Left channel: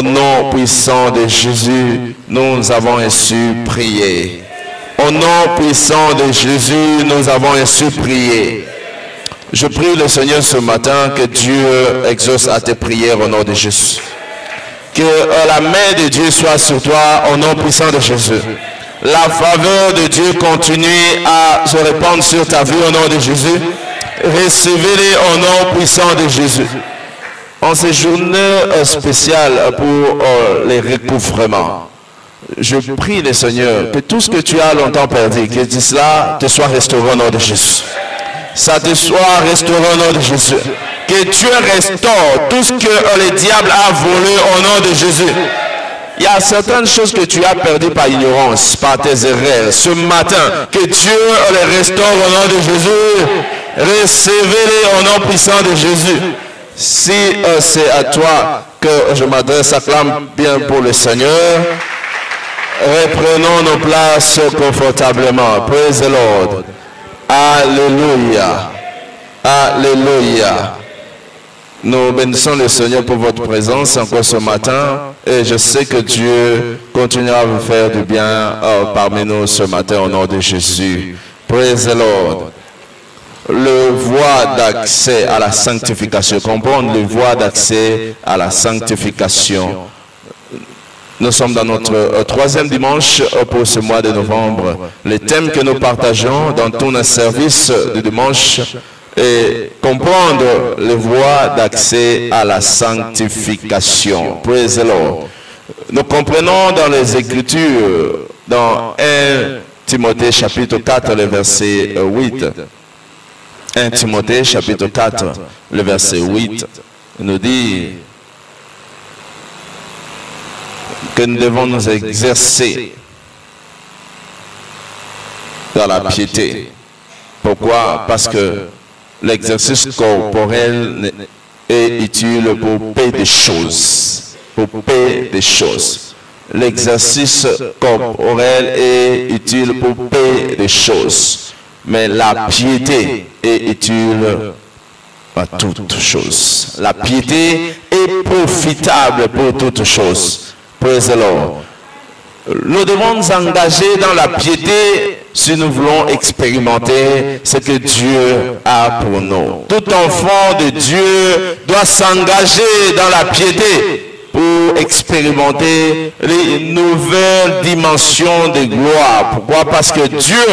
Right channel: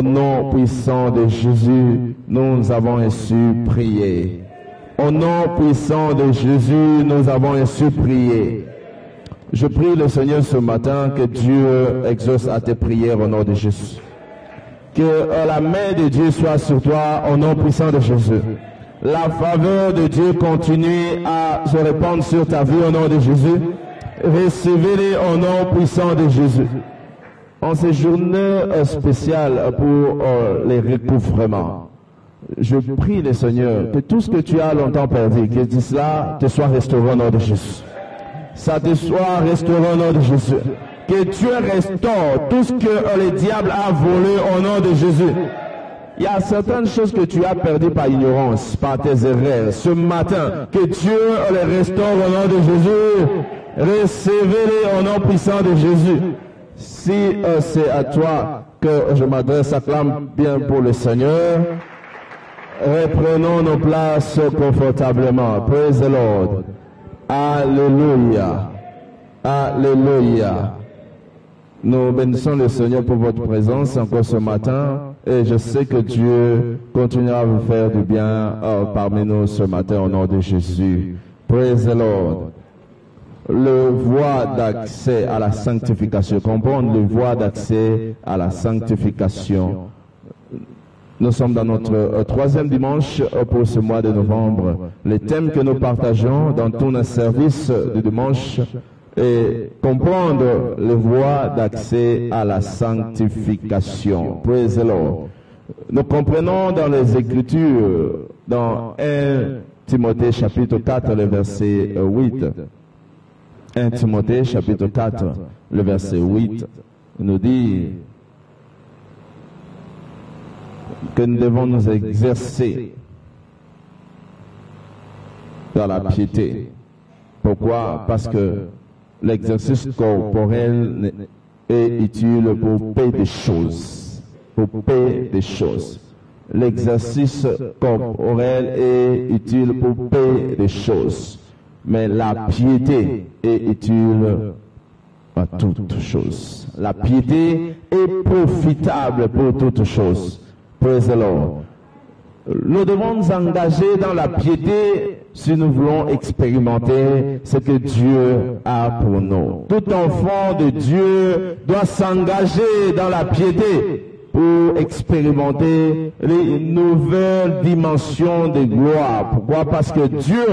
Au nom puissant de Jésus, nous avons ainsi prié. Au nom puissant de Jésus, nous avons ainsi prié. Je prie le Seigneur ce matin que Dieu exauce à tes prières au nom de Jésus. Que la main de Dieu soit sur toi au nom puissant de Jésus. La faveur de Dieu continue à se répandre sur ta vie au nom de Jésus. Recevez-les au nom puissant de Jésus. En ces journées spéciales pour les recouvrements, je prie le Seigneur que tout ce que tu as longtemps perdu, que cela te soit restauré au nom de Jésus. Ça te soit restauré au nom de Jésus. Que Dieu restaure tout ce que le diable a volé au nom de Jésus. Il y a certaines choses que tu as perdues par ignorance, par tes erreurs. Ce matin, que Dieu les restaure au nom de Jésus. Recevez-les au nom puissant de Jésus. Si c'est à toi que je m'adresse, acclame bien pour le Seigneur. Reprenons nos places confortablement. Praise the Lord. Alléluia. Alléluia. Nous bénissons le Seigneur pour votre présence encore ce matin. Et je sais que Dieu continuera à vous faire du bien parmi nous ce matin au nom de Jésus. Praise the Lord. Le voie d'accès à la sanctification. Comprendre le voie d'accès à la sanctification. Nous sommes dans notre troisième dimanche pour ce mois de novembre. Les thèmes que nous partageons dans tous nos services de dimanche est comprendre les voies d'accès à la sanctification. Praise the Lord. Nous comprenons dans les Écritures, dans 1 Timothée chapitre 4, le verset 8. 1 Timothée chapitre 4, le verset 8, nous dit que nous devons nous exercer dans la piété. Pourquoi? Parce que l'exercice corporel est utile pour payer des choses. Pour payer des choses. L'exercice corporel est utile pour payer des choses. Mais la piété est utile à toutes choses. La piété est profitable pour toutes choses. Praise the Lord. Nous devons nous engager dans la piété si nous voulons expérimenter ce que Dieu a pour nous. Tout enfant de Dieu doit s'engager dans la piété pour expérimenter les nouvelles dimensions de gloire. Pourquoi? Parce que Dieu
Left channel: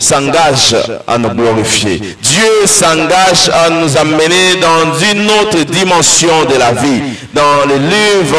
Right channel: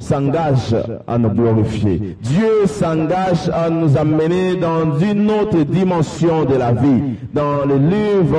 s'engage à nous glorifier. Dieu s'engage à nous amener dans une autre dimension de la vie. Dans le livre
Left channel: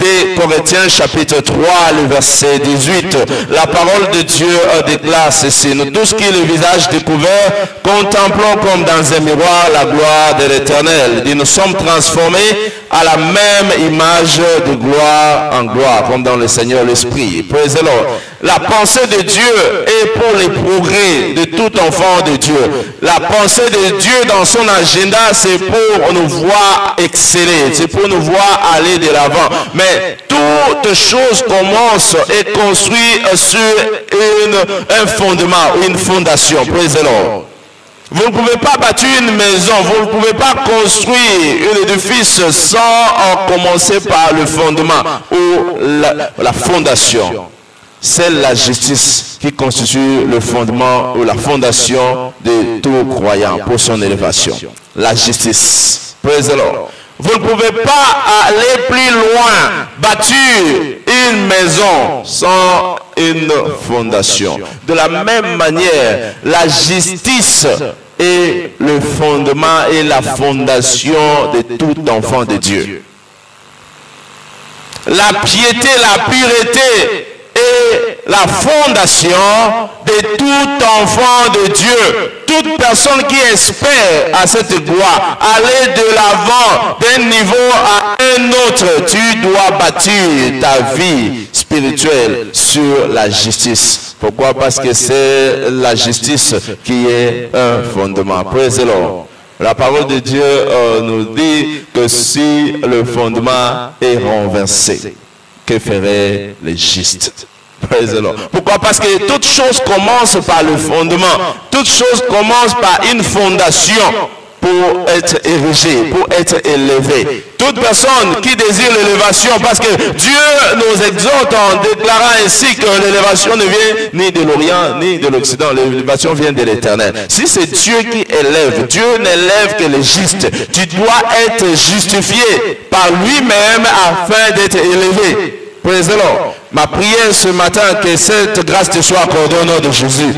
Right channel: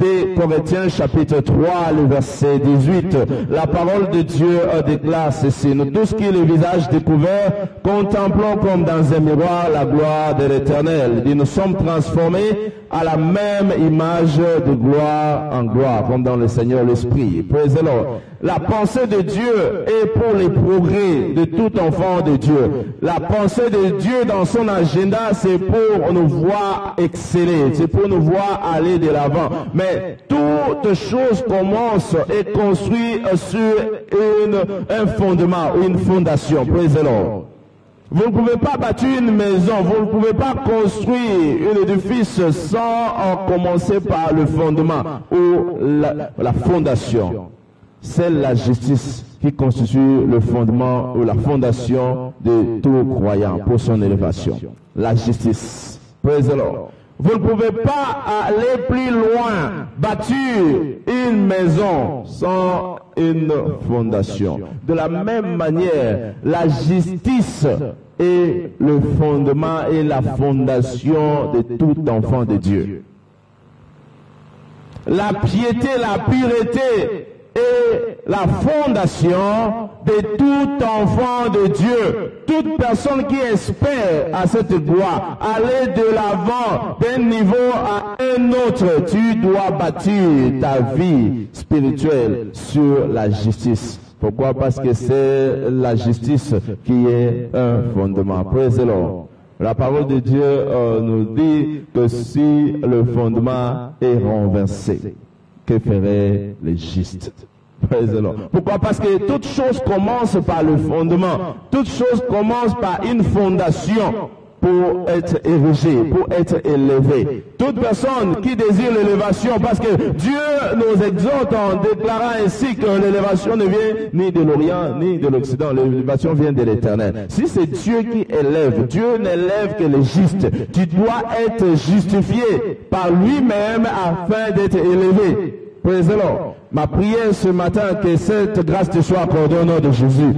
des Corinthiens chapitre 3, le verset 18, la parole de Dieu déclare ceci: nous tous qui le visage découvert, contemplons comme dans un miroir la gloire de l'Éternel. Nous sommes transformés à la même image de gloire en gloire, comme dans le Seigneur l'Esprit. Praise the Lord. La pensée de Dieu est pour les progrès de tout enfant de Dieu. La pensée de Dieu dans son agenda, c'est pour nous voir exceller, c'est pour nous voir aller de l'avant. Mais toute chose commence et construit sur un fondement, une fondation. Praise the Lord. Vous ne pouvez pas bâtir une maison, vous ne pouvez pas construire un édifice sans commencer par le fondement ou la fondation. C'est la justice qui constitue le fondement ou la fondation de tout croyant pour son élévation. La justice. Praise the Lord. Vous ne pouvez pas aller plus loin, bâtir une maison sans une fondation. De la même manière, la justice est le fondement et la fondation de tout enfant de Dieu. La piété, la pureté est la fondation de tout enfant de Dieu. Toute personne qui espère à cette gloire, aller de l'avant d'un niveau à un autre, tu dois bâtir ta vie spirituelle sur la justice. Pourquoi? Parce que c'est la justice qui est un fondement. Praise the Lord. La parole de Dieu nous dit que si le fondement est renversé, que feraient les justes? Praise the Lord. Pourquoi? Parce que toute chose commence par le fondement. Toute chose commence par une fondation. pour être érigé, pour être élevé. Toute personne qui désire l'élévation, parce que Dieu nous exhorte en déclarant ainsi que l'élévation ne vient ni de l'Orient ni de l'Occident, l'élévation vient de l'Éternel. Si c'est Dieu qui élève, Dieu n'élève que les justes. Tu dois être justifié par lui-même afin d'être élevé. Praise the Lord. Ma prière ce matin, que cette grâce te soit accordée au nom de Jésus.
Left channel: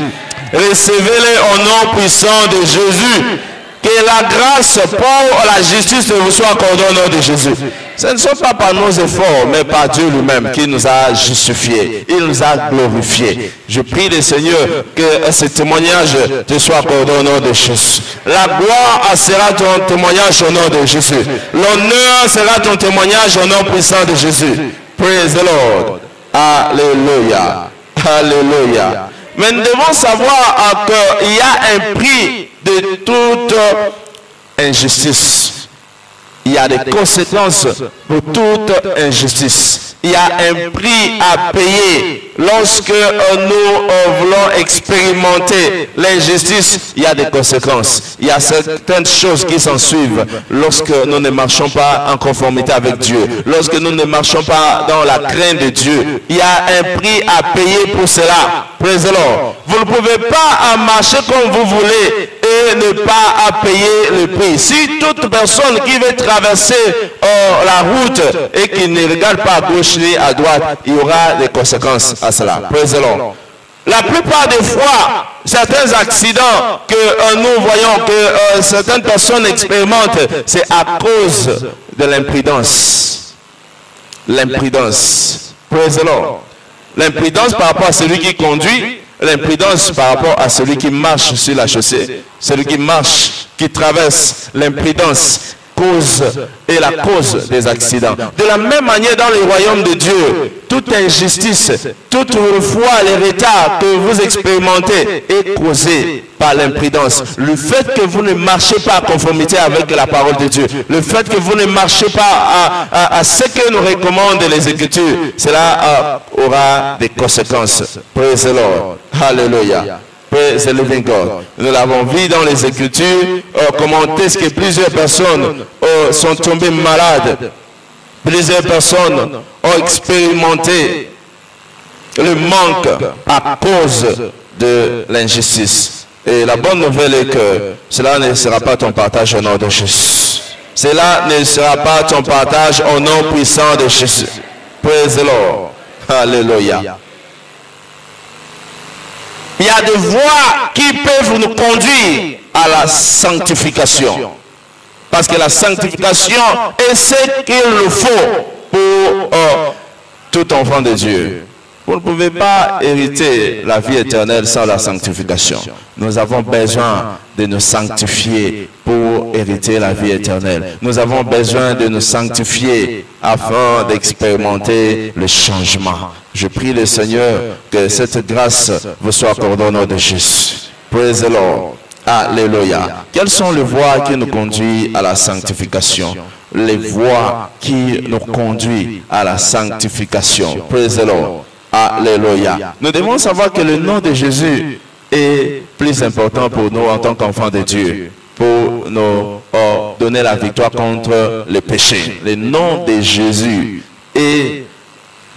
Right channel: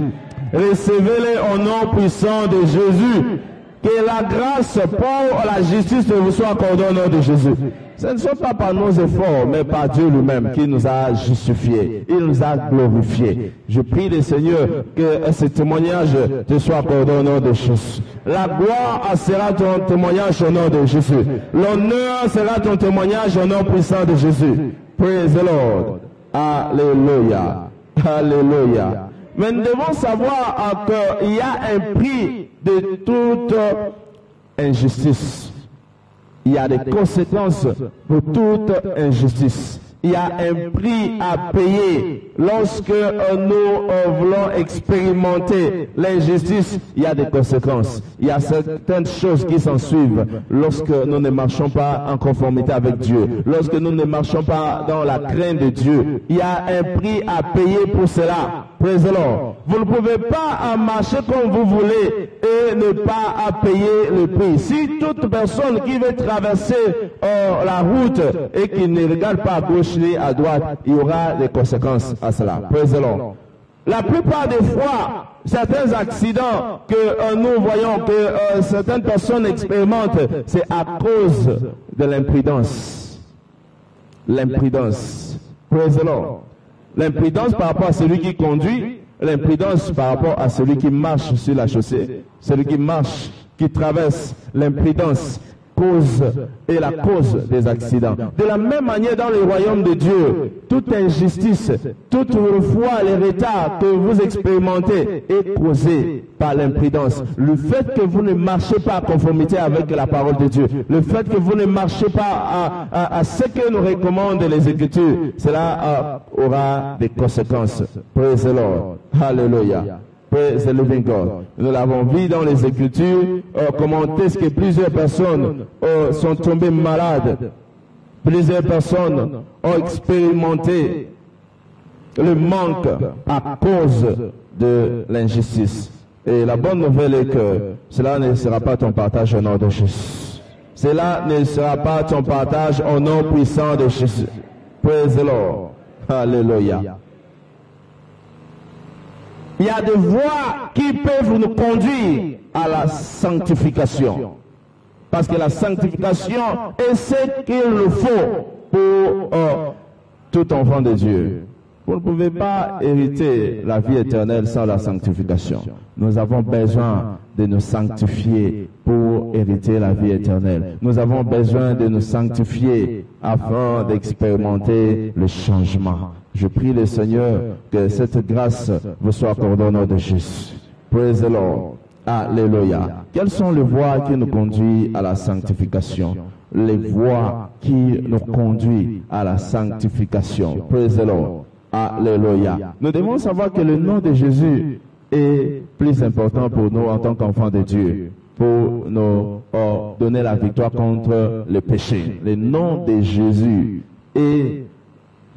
Recevez-les au nom puissant de Jésus. Que la grâce pour la justice vous soit accordée au nom de Jésus. Ce ne sont pas par nos efforts, mais par Dieu lui-même qui nous a justifiés. Il nous a glorifiés. Je prie le Seigneur que ce témoignage te soit accordé au nom de Jésus. La gloire sera ton témoignage au nom de Jésus. L'honneur sera ton témoignage au nom puissant de Jésus. Praise the Lord. Alléluia. Alléluia. Mais nous devons savoir qu'il y a un prix de toute injustice. Il y a des conséquences pour toute injustice. Il y a un prix à payer. Lorsque nous voulons expérimenter l'injustice, il y a des conséquences. Il y a certaines choses qui s'en suivent lorsque nous ne marchons pas en conformité avec Dieu. Lorsque nous ne marchons pas dans la crainte de Dieu, il y a un prix à payer pour cela. Praise the Lord. Vous ne pouvez pas marcher comme vous voulez et ne pas payer le prix. Si toute personne qui veut traverser la route et qui ne regarde pas à gauche ni à droite, il y aura des conséquences à cela. Praise the Lord. La plupart des fois, certains accidents que nous voyons, que certaines personnes expérimentent, c'est à cause de l'imprudence. L'imprudence. Praise the Lord. L'imprudence par rapport à celui qui conduit, l'imprudence par rapport à celui qui marche sur la chaussée, celui qui marche, qui traverse, l'imprudence est la cause des accidents. De la même manière, dans le royaume de Dieu, toute injustice, toute foi, les retards que vous expérimentez est causé par l'imprudence. Le fait que vous ne marchez pas en conformité avec la parole de Dieu, le fait que vous ne marchez pas à ce que nous recommandent les Écritures, cela aura des conséquences. Praise the Lord. Hallelujah. Praise the living God. Nous l'avons vu dans les Écritures, comment est-ce que plusieurs personnes sont tombées malades. Plusieurs personnes ont expérimenté le manque à cause de l'injustice. Et la bonne nouvelle est que cela ne sera pas ton partage au nom de Jésus. Cela ne sera pas ton partage au nom puissant de Jésus. Praise the Lord. Alléluia. Il y a des voies qui peuvent nous conduire à la sanctification. Parce que la sanctification est ce qu'il faut pour tout enfant de Dieu. Vous ne pouvez pas hériter la vie éternelle sans la sanctification. Nous avons besoin de nous sanctifier pour hériter la vie éternelle. Nous avons besoin de nous sanctifier afin d'expérimenter le changement. Je prie le Seigneur que cette grâce vous soit accordée au nom de Jésus. Praise the Lord. Alléluia. Quelles sont les voies qui nous conduisent à la sanctification? Les voies qui nous conduisent à la sanctification. Praise the Lord. Alléluia. Nous devons savoir que le nom de Jésus est plus important pour nous en tant qu'enfants de Dieu, pour nous donner la victoire contre le péché. Le nom de Jésus est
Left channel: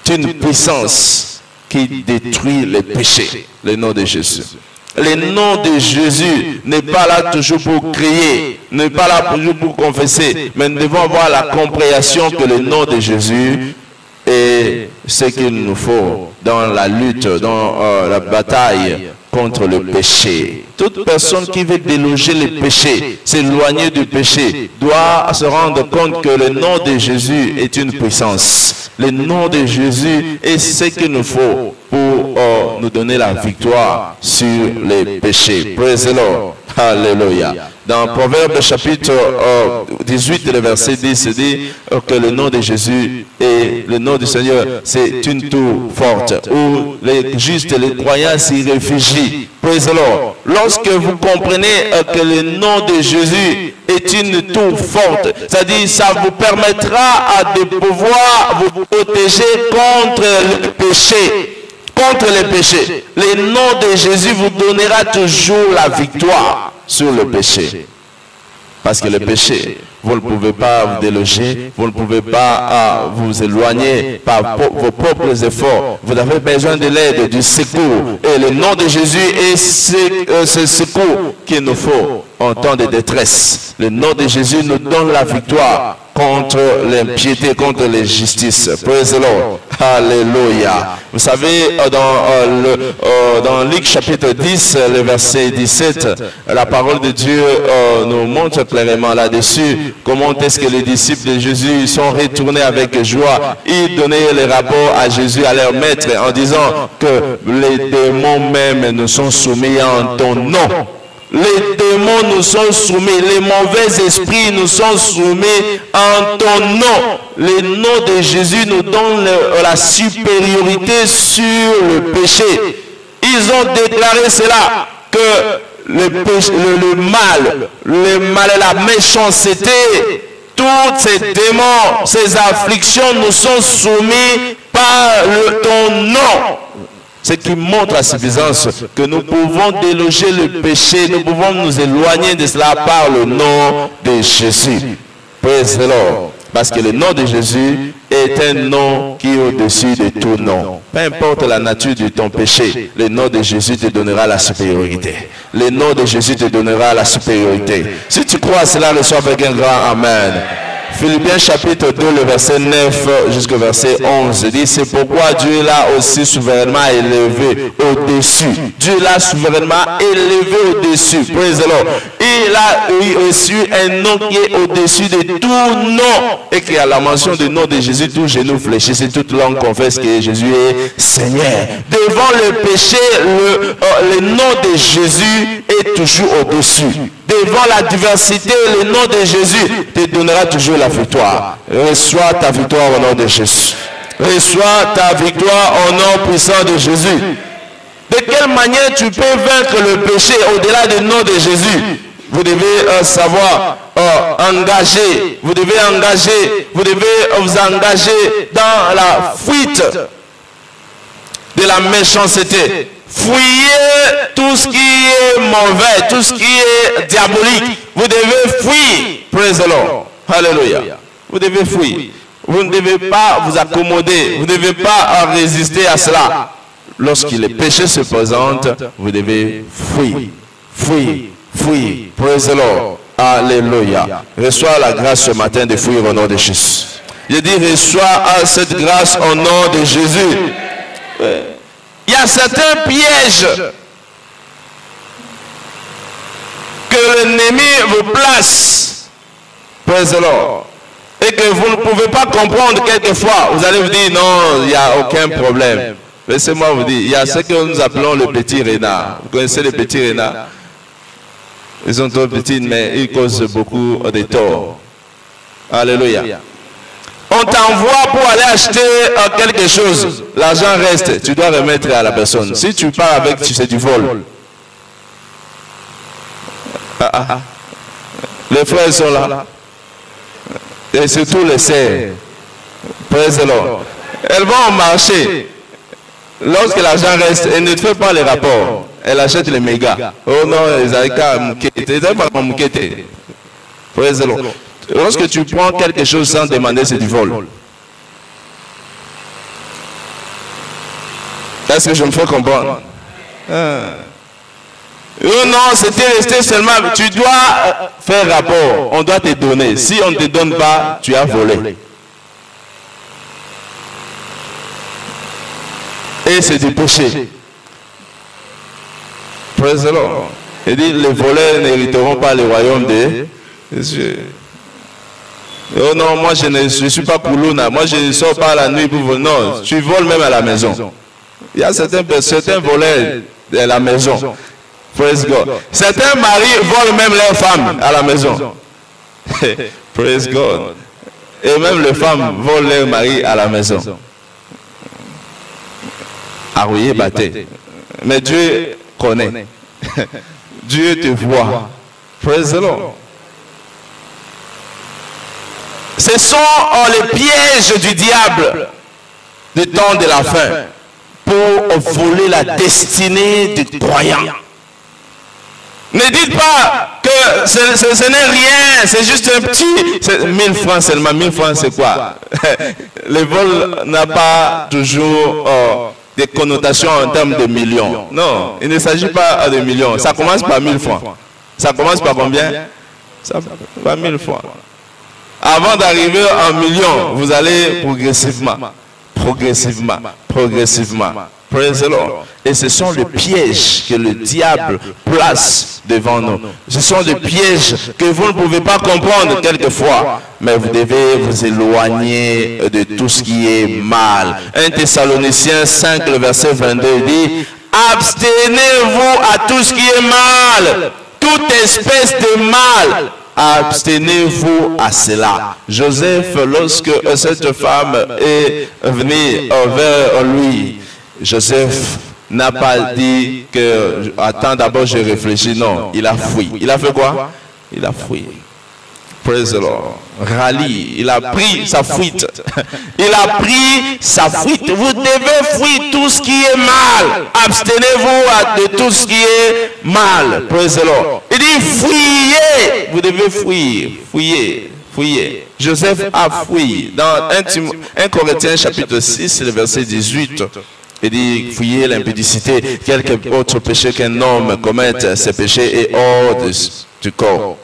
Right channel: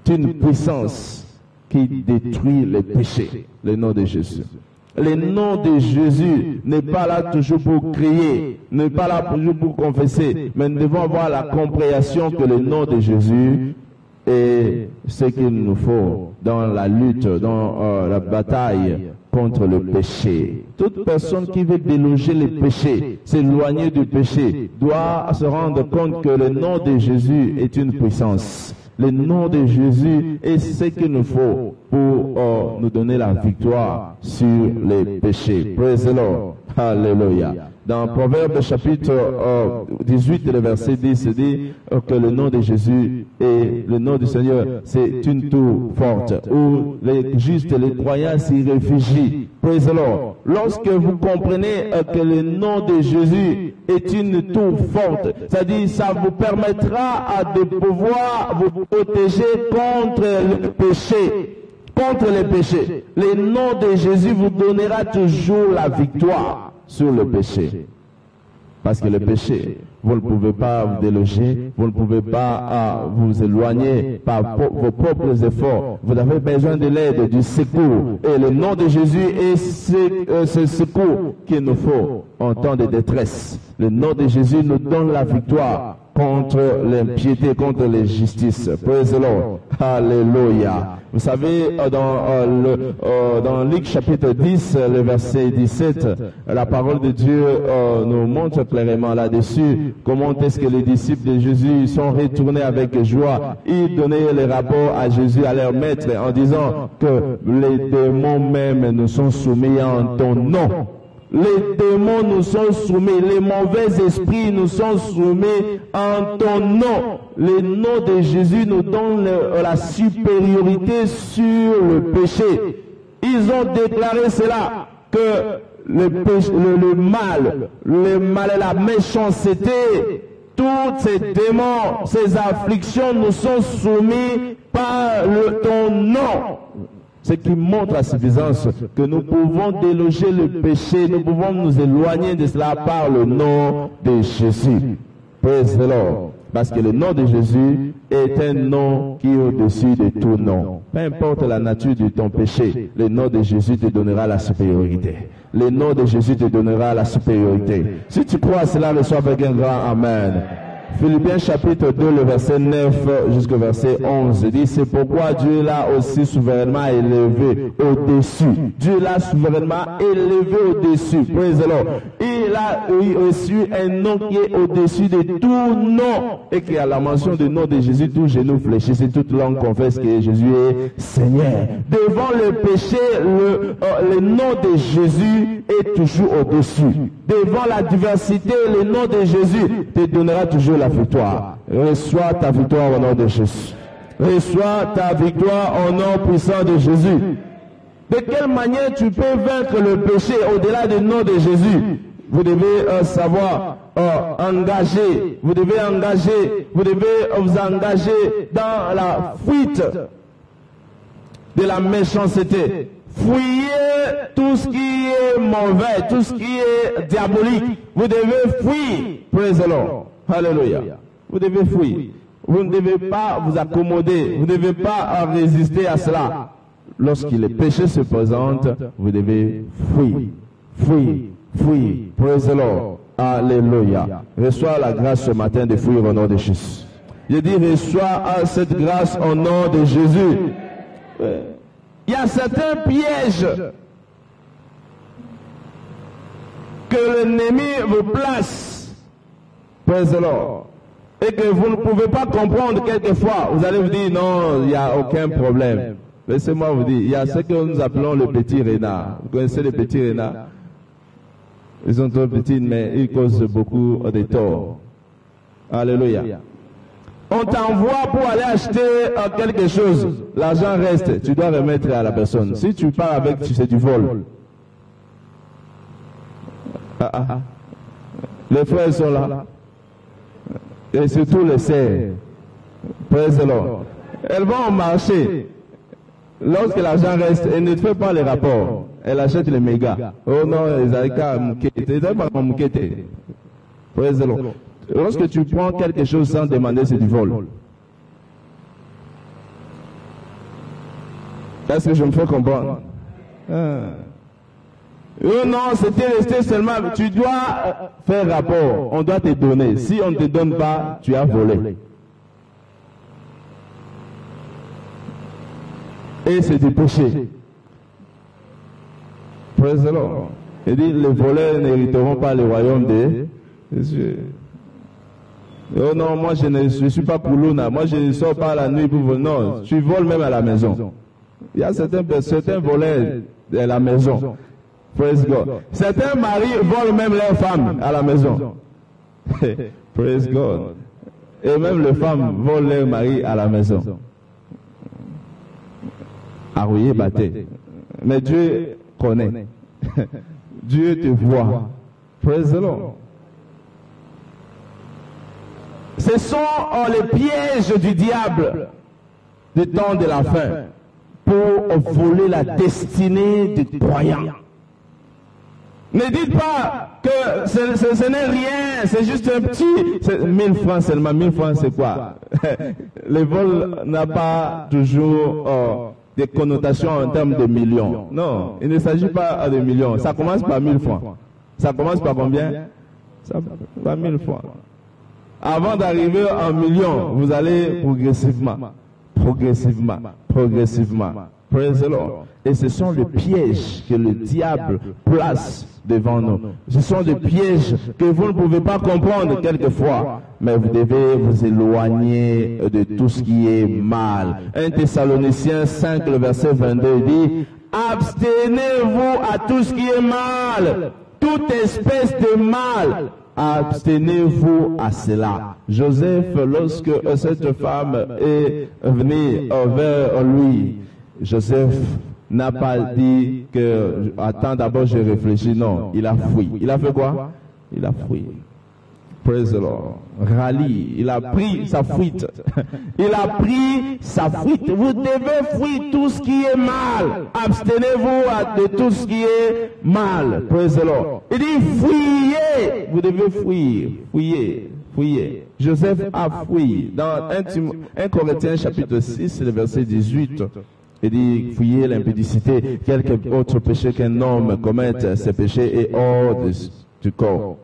une puissance qui détruit les péchés. Le nom de Jésus. Le nom de Jésus n'est pas là toujours pour crier, n'est pas là toujours pour confesser, mais nous devons avoir la compréhension que le nom de Jésus est ce qu'il nous faut dans la lutte, dans la bataille contre le péché. Toute personne qui veut déloger le péché, s'éloigner du péché, doit se rendre compte que le nom de Jésus est une puissance. Le nom de Jésus est ce qu'il nous faut pour nous donner la victoire sur les péchés. Praise the Lord. Alléluia. Dans Proverbe chapitre 18, le verset 10, dit que le nom de Jésus et le nom du Seigneur, c'est une tour forte où les justes et les croyants s'y réfugient. Praise the Lord. Lorsque vous comprenez que le nom de Jésus est une tour forte, c'est-à-dire ça vous permettra de pouvoir vous protéger contre le péché. Contre les péchés. Le nom de Jésus vous donnera toujours la victoire sur le péché. Parce que le péché, vous ne pouvez pas vous déloger, vous ne pouvez pas vous éloigner par vos propres efforts. Vous avez besoin de l'aide, du secours. Et le nom de Jésus est ce secours qu'il nous faut en temps de détresse. Le nom de Jésus nous donne la victoire contre l'impiété, contre l'injustice. Praise the Lord. Alléluia. Vous savez, dans Luc chapitre 10, le verset 17, la parole de Dieu nous montre clairement là-dessus comment est-ce que les disciples de Jésus sont retournés avec joie. Ils donnaient les rapports à Jésus, à leur maître, en disant que les démons même nous sont soumis en ton nom. Les démons nous sont soumis, les mauvais esprits nous sont soumis en ton nom. Le nom de Jésus nous donne la supériorité sur le péché. Ils ont déclaré cela, que le mal et la méchanceté, tous ces démons, ces afflictions nous sont soumis par ton nom. Ce qui montre à suffisance que nous pouvons déloger le péché, nous pouvons nous éloigner de cela par le nom de Jésus. Praise the Lord. Parce que le nom de Jésus est un nom qui est au-dessus de tout nom. Peu importe la nature de ton péché, le nom de Jésus te donnera la supériorité. Le nom de Jésus te donnera la supériorité. Si tu crois à cela, reçois avec un grand Amen. Philippiens chapitre 2, le verset 9 jusqu'au verset 11 dit: c'est pourquoi Dieu l'a aussi souverainement élevé au-dessus. Dieu l'a souverainement élevé au-dessus. Praise the Lord. Il a reçu un nom qui est au-dessus de tout nom. Et qu'à la mention du nom de Jésus, tout genou fléchisse et toute langue confesse que Jésus est Seigneur. Devant le péché, le nom de Jésus est toujours au-dessus. Devant la diversité, le nom de Jésus te donnera toujours la victoire. Reçois ta victoire au nom de Jésus. Reçois ta victoire au nom puissant de Jésus. De quelle manière tu peux vaincre le péché au-delà du nom de Jésus? Vous devez savoir engager. Vous devez vous engager dans la fuite de la méchanceté. Fuyez tout ce qui est mauvais, tout ce qui est diabolique. Vous devez fuir. Praise the Lord. Alléluia. Vous devez fuir. Vous ne devez pas vous accommoder. Vous ne devez pas résister à cela. Lorsque les péchés se présentent, vous devez fuir. Fuir. Fuir. Praise the Lord. Alléluia. Reçois la grâce ce matin de fuir au nom de Jésus. Je dis reçois cette grâce au nom de Jésus. Il y a certains pièges que l'ennemi vous place, praise the Lord, et que vous ne pouvez pas comprendre quelquefois. Vous allez vous dire non, il n'y a aucun problème. Laissez-moi vous dire, il y a ce que nous appelons le petit renard. Vous connaissez les petits renards? Ils sont trop petits, mais ils causent beaucoup de tort. Alléluia. On t'envoie pour aller acheter quelque chose. L'argent reste. Tu dois remettre à la personne. Si tu pars avec, c'est du vol. Les frères sont là. Et surtout les sœurs. Praise the Lord. Elles vont au marché. Lorsque l'argent reste, elles ne font pas les rapports. Elles achètent les mégas. Oh non, ils n'ont qu'à mouqueter. Ils n'ont pas qu'à mouqueter. Praise the Lord. Lorsque tu prends quelque chose sans demander, c'est du vol. Est-ce que je me fais comprendre? Oh non, c'était resté seulement. Tu dois faire rapport. On doit te donner. Si on ne te donne pas, tu as volé. Et c'est du péché. Praise the Lord. Il dit, les voleurs n'hériteront pas le royaume de Dieu. Oh non, moi je ne suis pas Koulouna. Moi je ne sors pas la nuit pour voler. Non, tu voles même à la maison. Il y a certains voleurs à la maison. Praise God. Certains maris volent même leurs femmes à la maison. Praise God. Et même les femmes volent leurs maris à la maison. Arouillé, batté. Mais Dieu connaît. Dieu te voit. Praise the Lord. Ce sont les pièges du diable du temps de la fin pour voler la destinée du croyant. Ne dites pas que ce n'est rien, c'est juste un petit... 1000 francs seulement, 1000 francs c'est quoi? Le vol n'a pas toujours des connotations en termes de millions. Non, il ne s'agit pas de millions. Ça commence par 1000 francs. Ça commence par combien? Ça par 1000 francs. Avant d'arriver en millions, vous allez progressivement. Praise the Lord. Et ce sont les pièges que le diable place devant nous. Ce sont des pièges que vous ne pouvez pas comprendre quelquefois. Mais vous devez vous éloigner de tout ce qui est mal. 1 Thessaloniciens 5, le verset 22 dit: abstenez-vous à tout ce qui est mal, toute espèce de mal. Abstenez-vous à cela. Joseph, lorsque cette femme est venue vers lui, Joseph n'a pas dit que attends d'abord je réfléchis. Non, il a fui. Il a fait quoi? Il a fui. Praise the Lord. Rallye, il a pris sa fuite. Il a pris sa fuite. Vous devez fuir tout ce qui est mal. Abstenez-vous de tout ce qui est mal. Praise the Lord. Il dit fuyez. Vous devez fuir. Fuyez. Joseph a fui. Dans 1 Corinthiens chapitre 6, le verset 18. Il dit, fuyez l'impudicité, quelque autre péché qu'un homme commette, ce péché est hors du corps.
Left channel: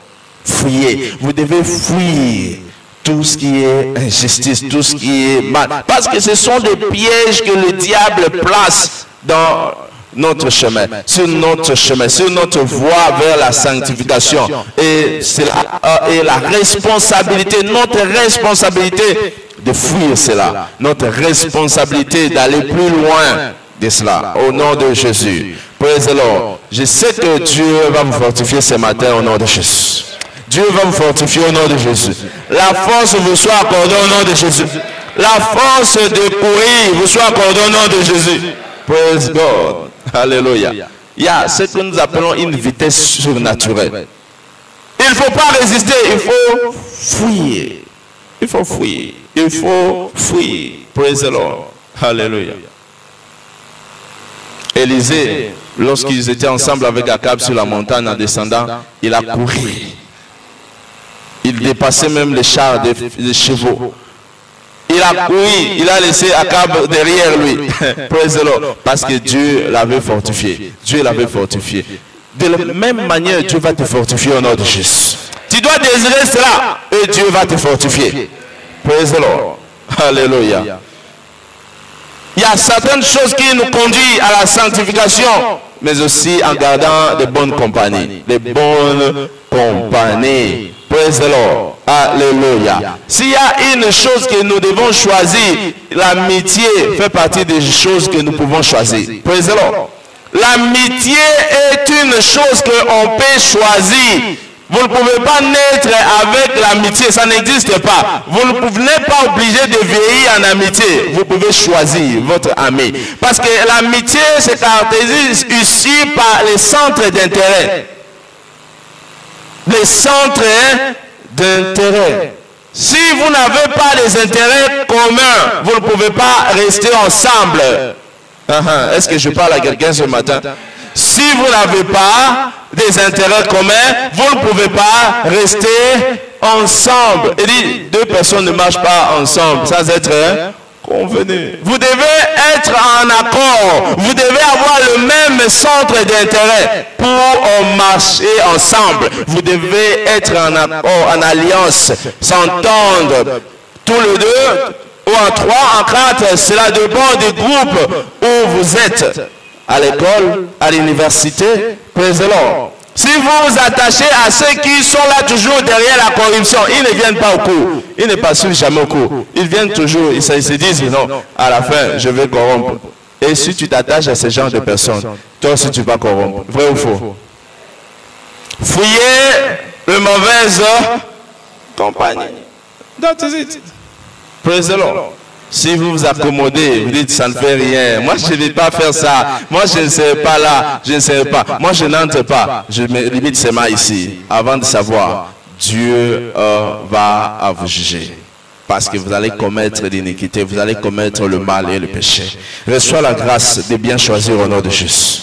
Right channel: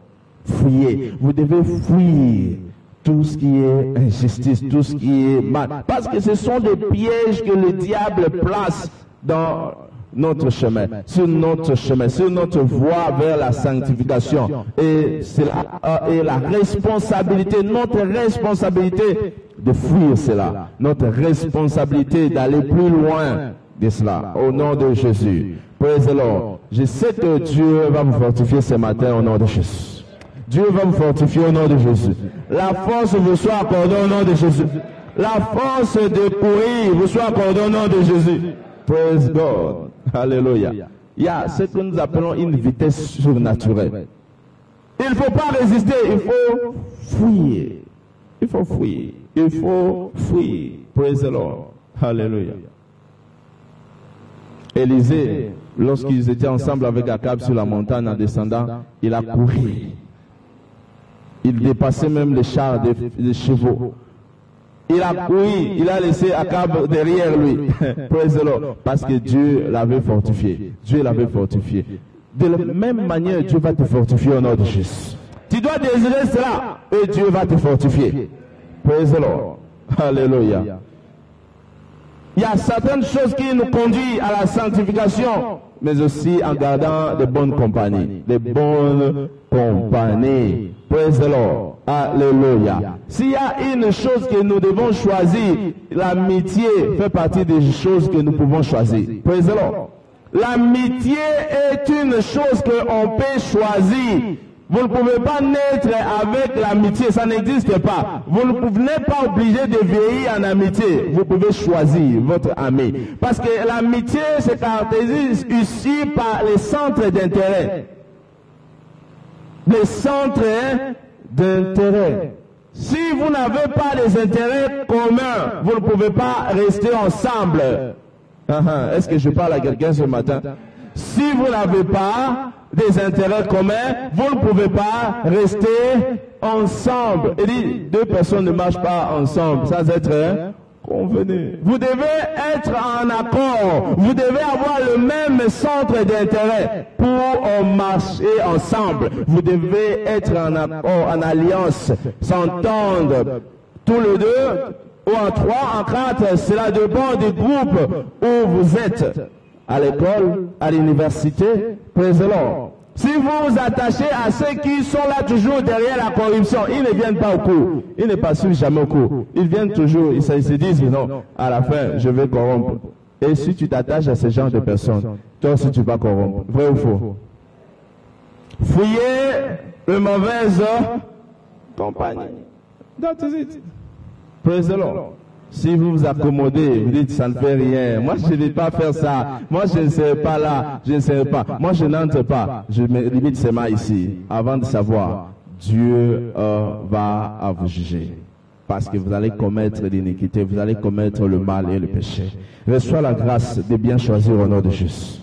Fuyez, vous devez fuir tout ce qui est injustice, tout ce qui est mal. Parce que ce sont des pièges que le diable place dans notre chemin, sur notre voie vers la sanctification. Et cela est la responsabilité, notre responsabilité de fuir cela. Notre responsabilité d'aller plus loin de cela. Au nom de Jésus. Praise the Lord. Je sais que Dieu va vous fortifier ce matin au nom de Jésus. Dieu va vous fortifier au nom de Jésus. La force vous soit accordée au nom de Jésus. La force de courir vous soit accordée au nom de Jésus. Praise God. Alléluia. Il y a ce que nous appelons une vitesse surnaturelle. Il ne faut pas résister, il faut fuir. Il faut fuir. Il faut fuir. Praise the Lord. Alléluia. Élisée, lorsqu'ils étaient ensemble avec Akab sur la montagne en descendant, il a couru. Il dépassait même les chars des chevaux. Il a couru, il a laissé Akab derrière lui. Praise the Lord. Parce que Dieu l'avait fortifié. Dieu l'avait fortifié. De la même manière, Dieu va te fortifier au nom de Jésus. Tu dois désirer cela et Dieu va te fortifier. Praise the Lord. Alléluia. Il y a certaines choses qui nous conduisent à la sanctification, mais aussi en gardant de bonnes compagnies. Les bonnes compagnies. Praise the Lord. Alléluia. S'il y a une chose que nous devons choisir, l'amitié fait partie des choses que nous pouvons choisir. Praise the Lord. L'amitié est une chose qu'on peut choisir. Vous ne pouvez pas naître avec l'amitié, ça n'existe pas. Vous n'êtes pas obligé de vieillir en amitié. Vous pouvez choisir votre ami. Parce que l'amitié se caractérise ici par les centres d'intérêt. Les centres d'intérêt. Si vous n'avez pas les intérêts communs, vous ne pouvez pas rester ensemble. Est-ce que je parle à quelqu'un ce matin? Si vous n'avez pas des intérêts communs, vous ne pouvez pas rester ensemble. Il dit, deux personnes ne marchent pas ensemble sans être convenus. Vous devez être en accord. Vous devez avoir le même centre d'intérêt pour marcher ensemble. Vous devez être en accord, en alliance, s'entendre tous les deux, ou en trois, en quatre. Cela dépend du groupe où vous êtes. À l'école, à l'université, praise the Lord. Si vous vous attachez à ceux qui sont là toujours derrière la corruption, ils ne viennent pas au cours. Ils ne passent jamais au cours. Ils viennent toujours, ils se disent non, à la fin, je vais corrompre. Et si tu t'attaches à ce genre de personnes, toi aussi tu vas corrompre. Vrai ou faux? Fuyez le mauvaise compagnie. That is it. Praise the Lord. Si vous vous accommodez, vous dites ça ne fait rien. Moi je ne vais pas faire ça. Moi je ne serai pas là. Je ne serai pas. Moi je n'entre pas. Je me limite seulement ici. Avant de savoir, Dieu va vous juger. Parce que vous allez commettre l'iniquité, vous allez commettre le mal et le péché. Reçois la grâce de bien choisir au nom de Jésus.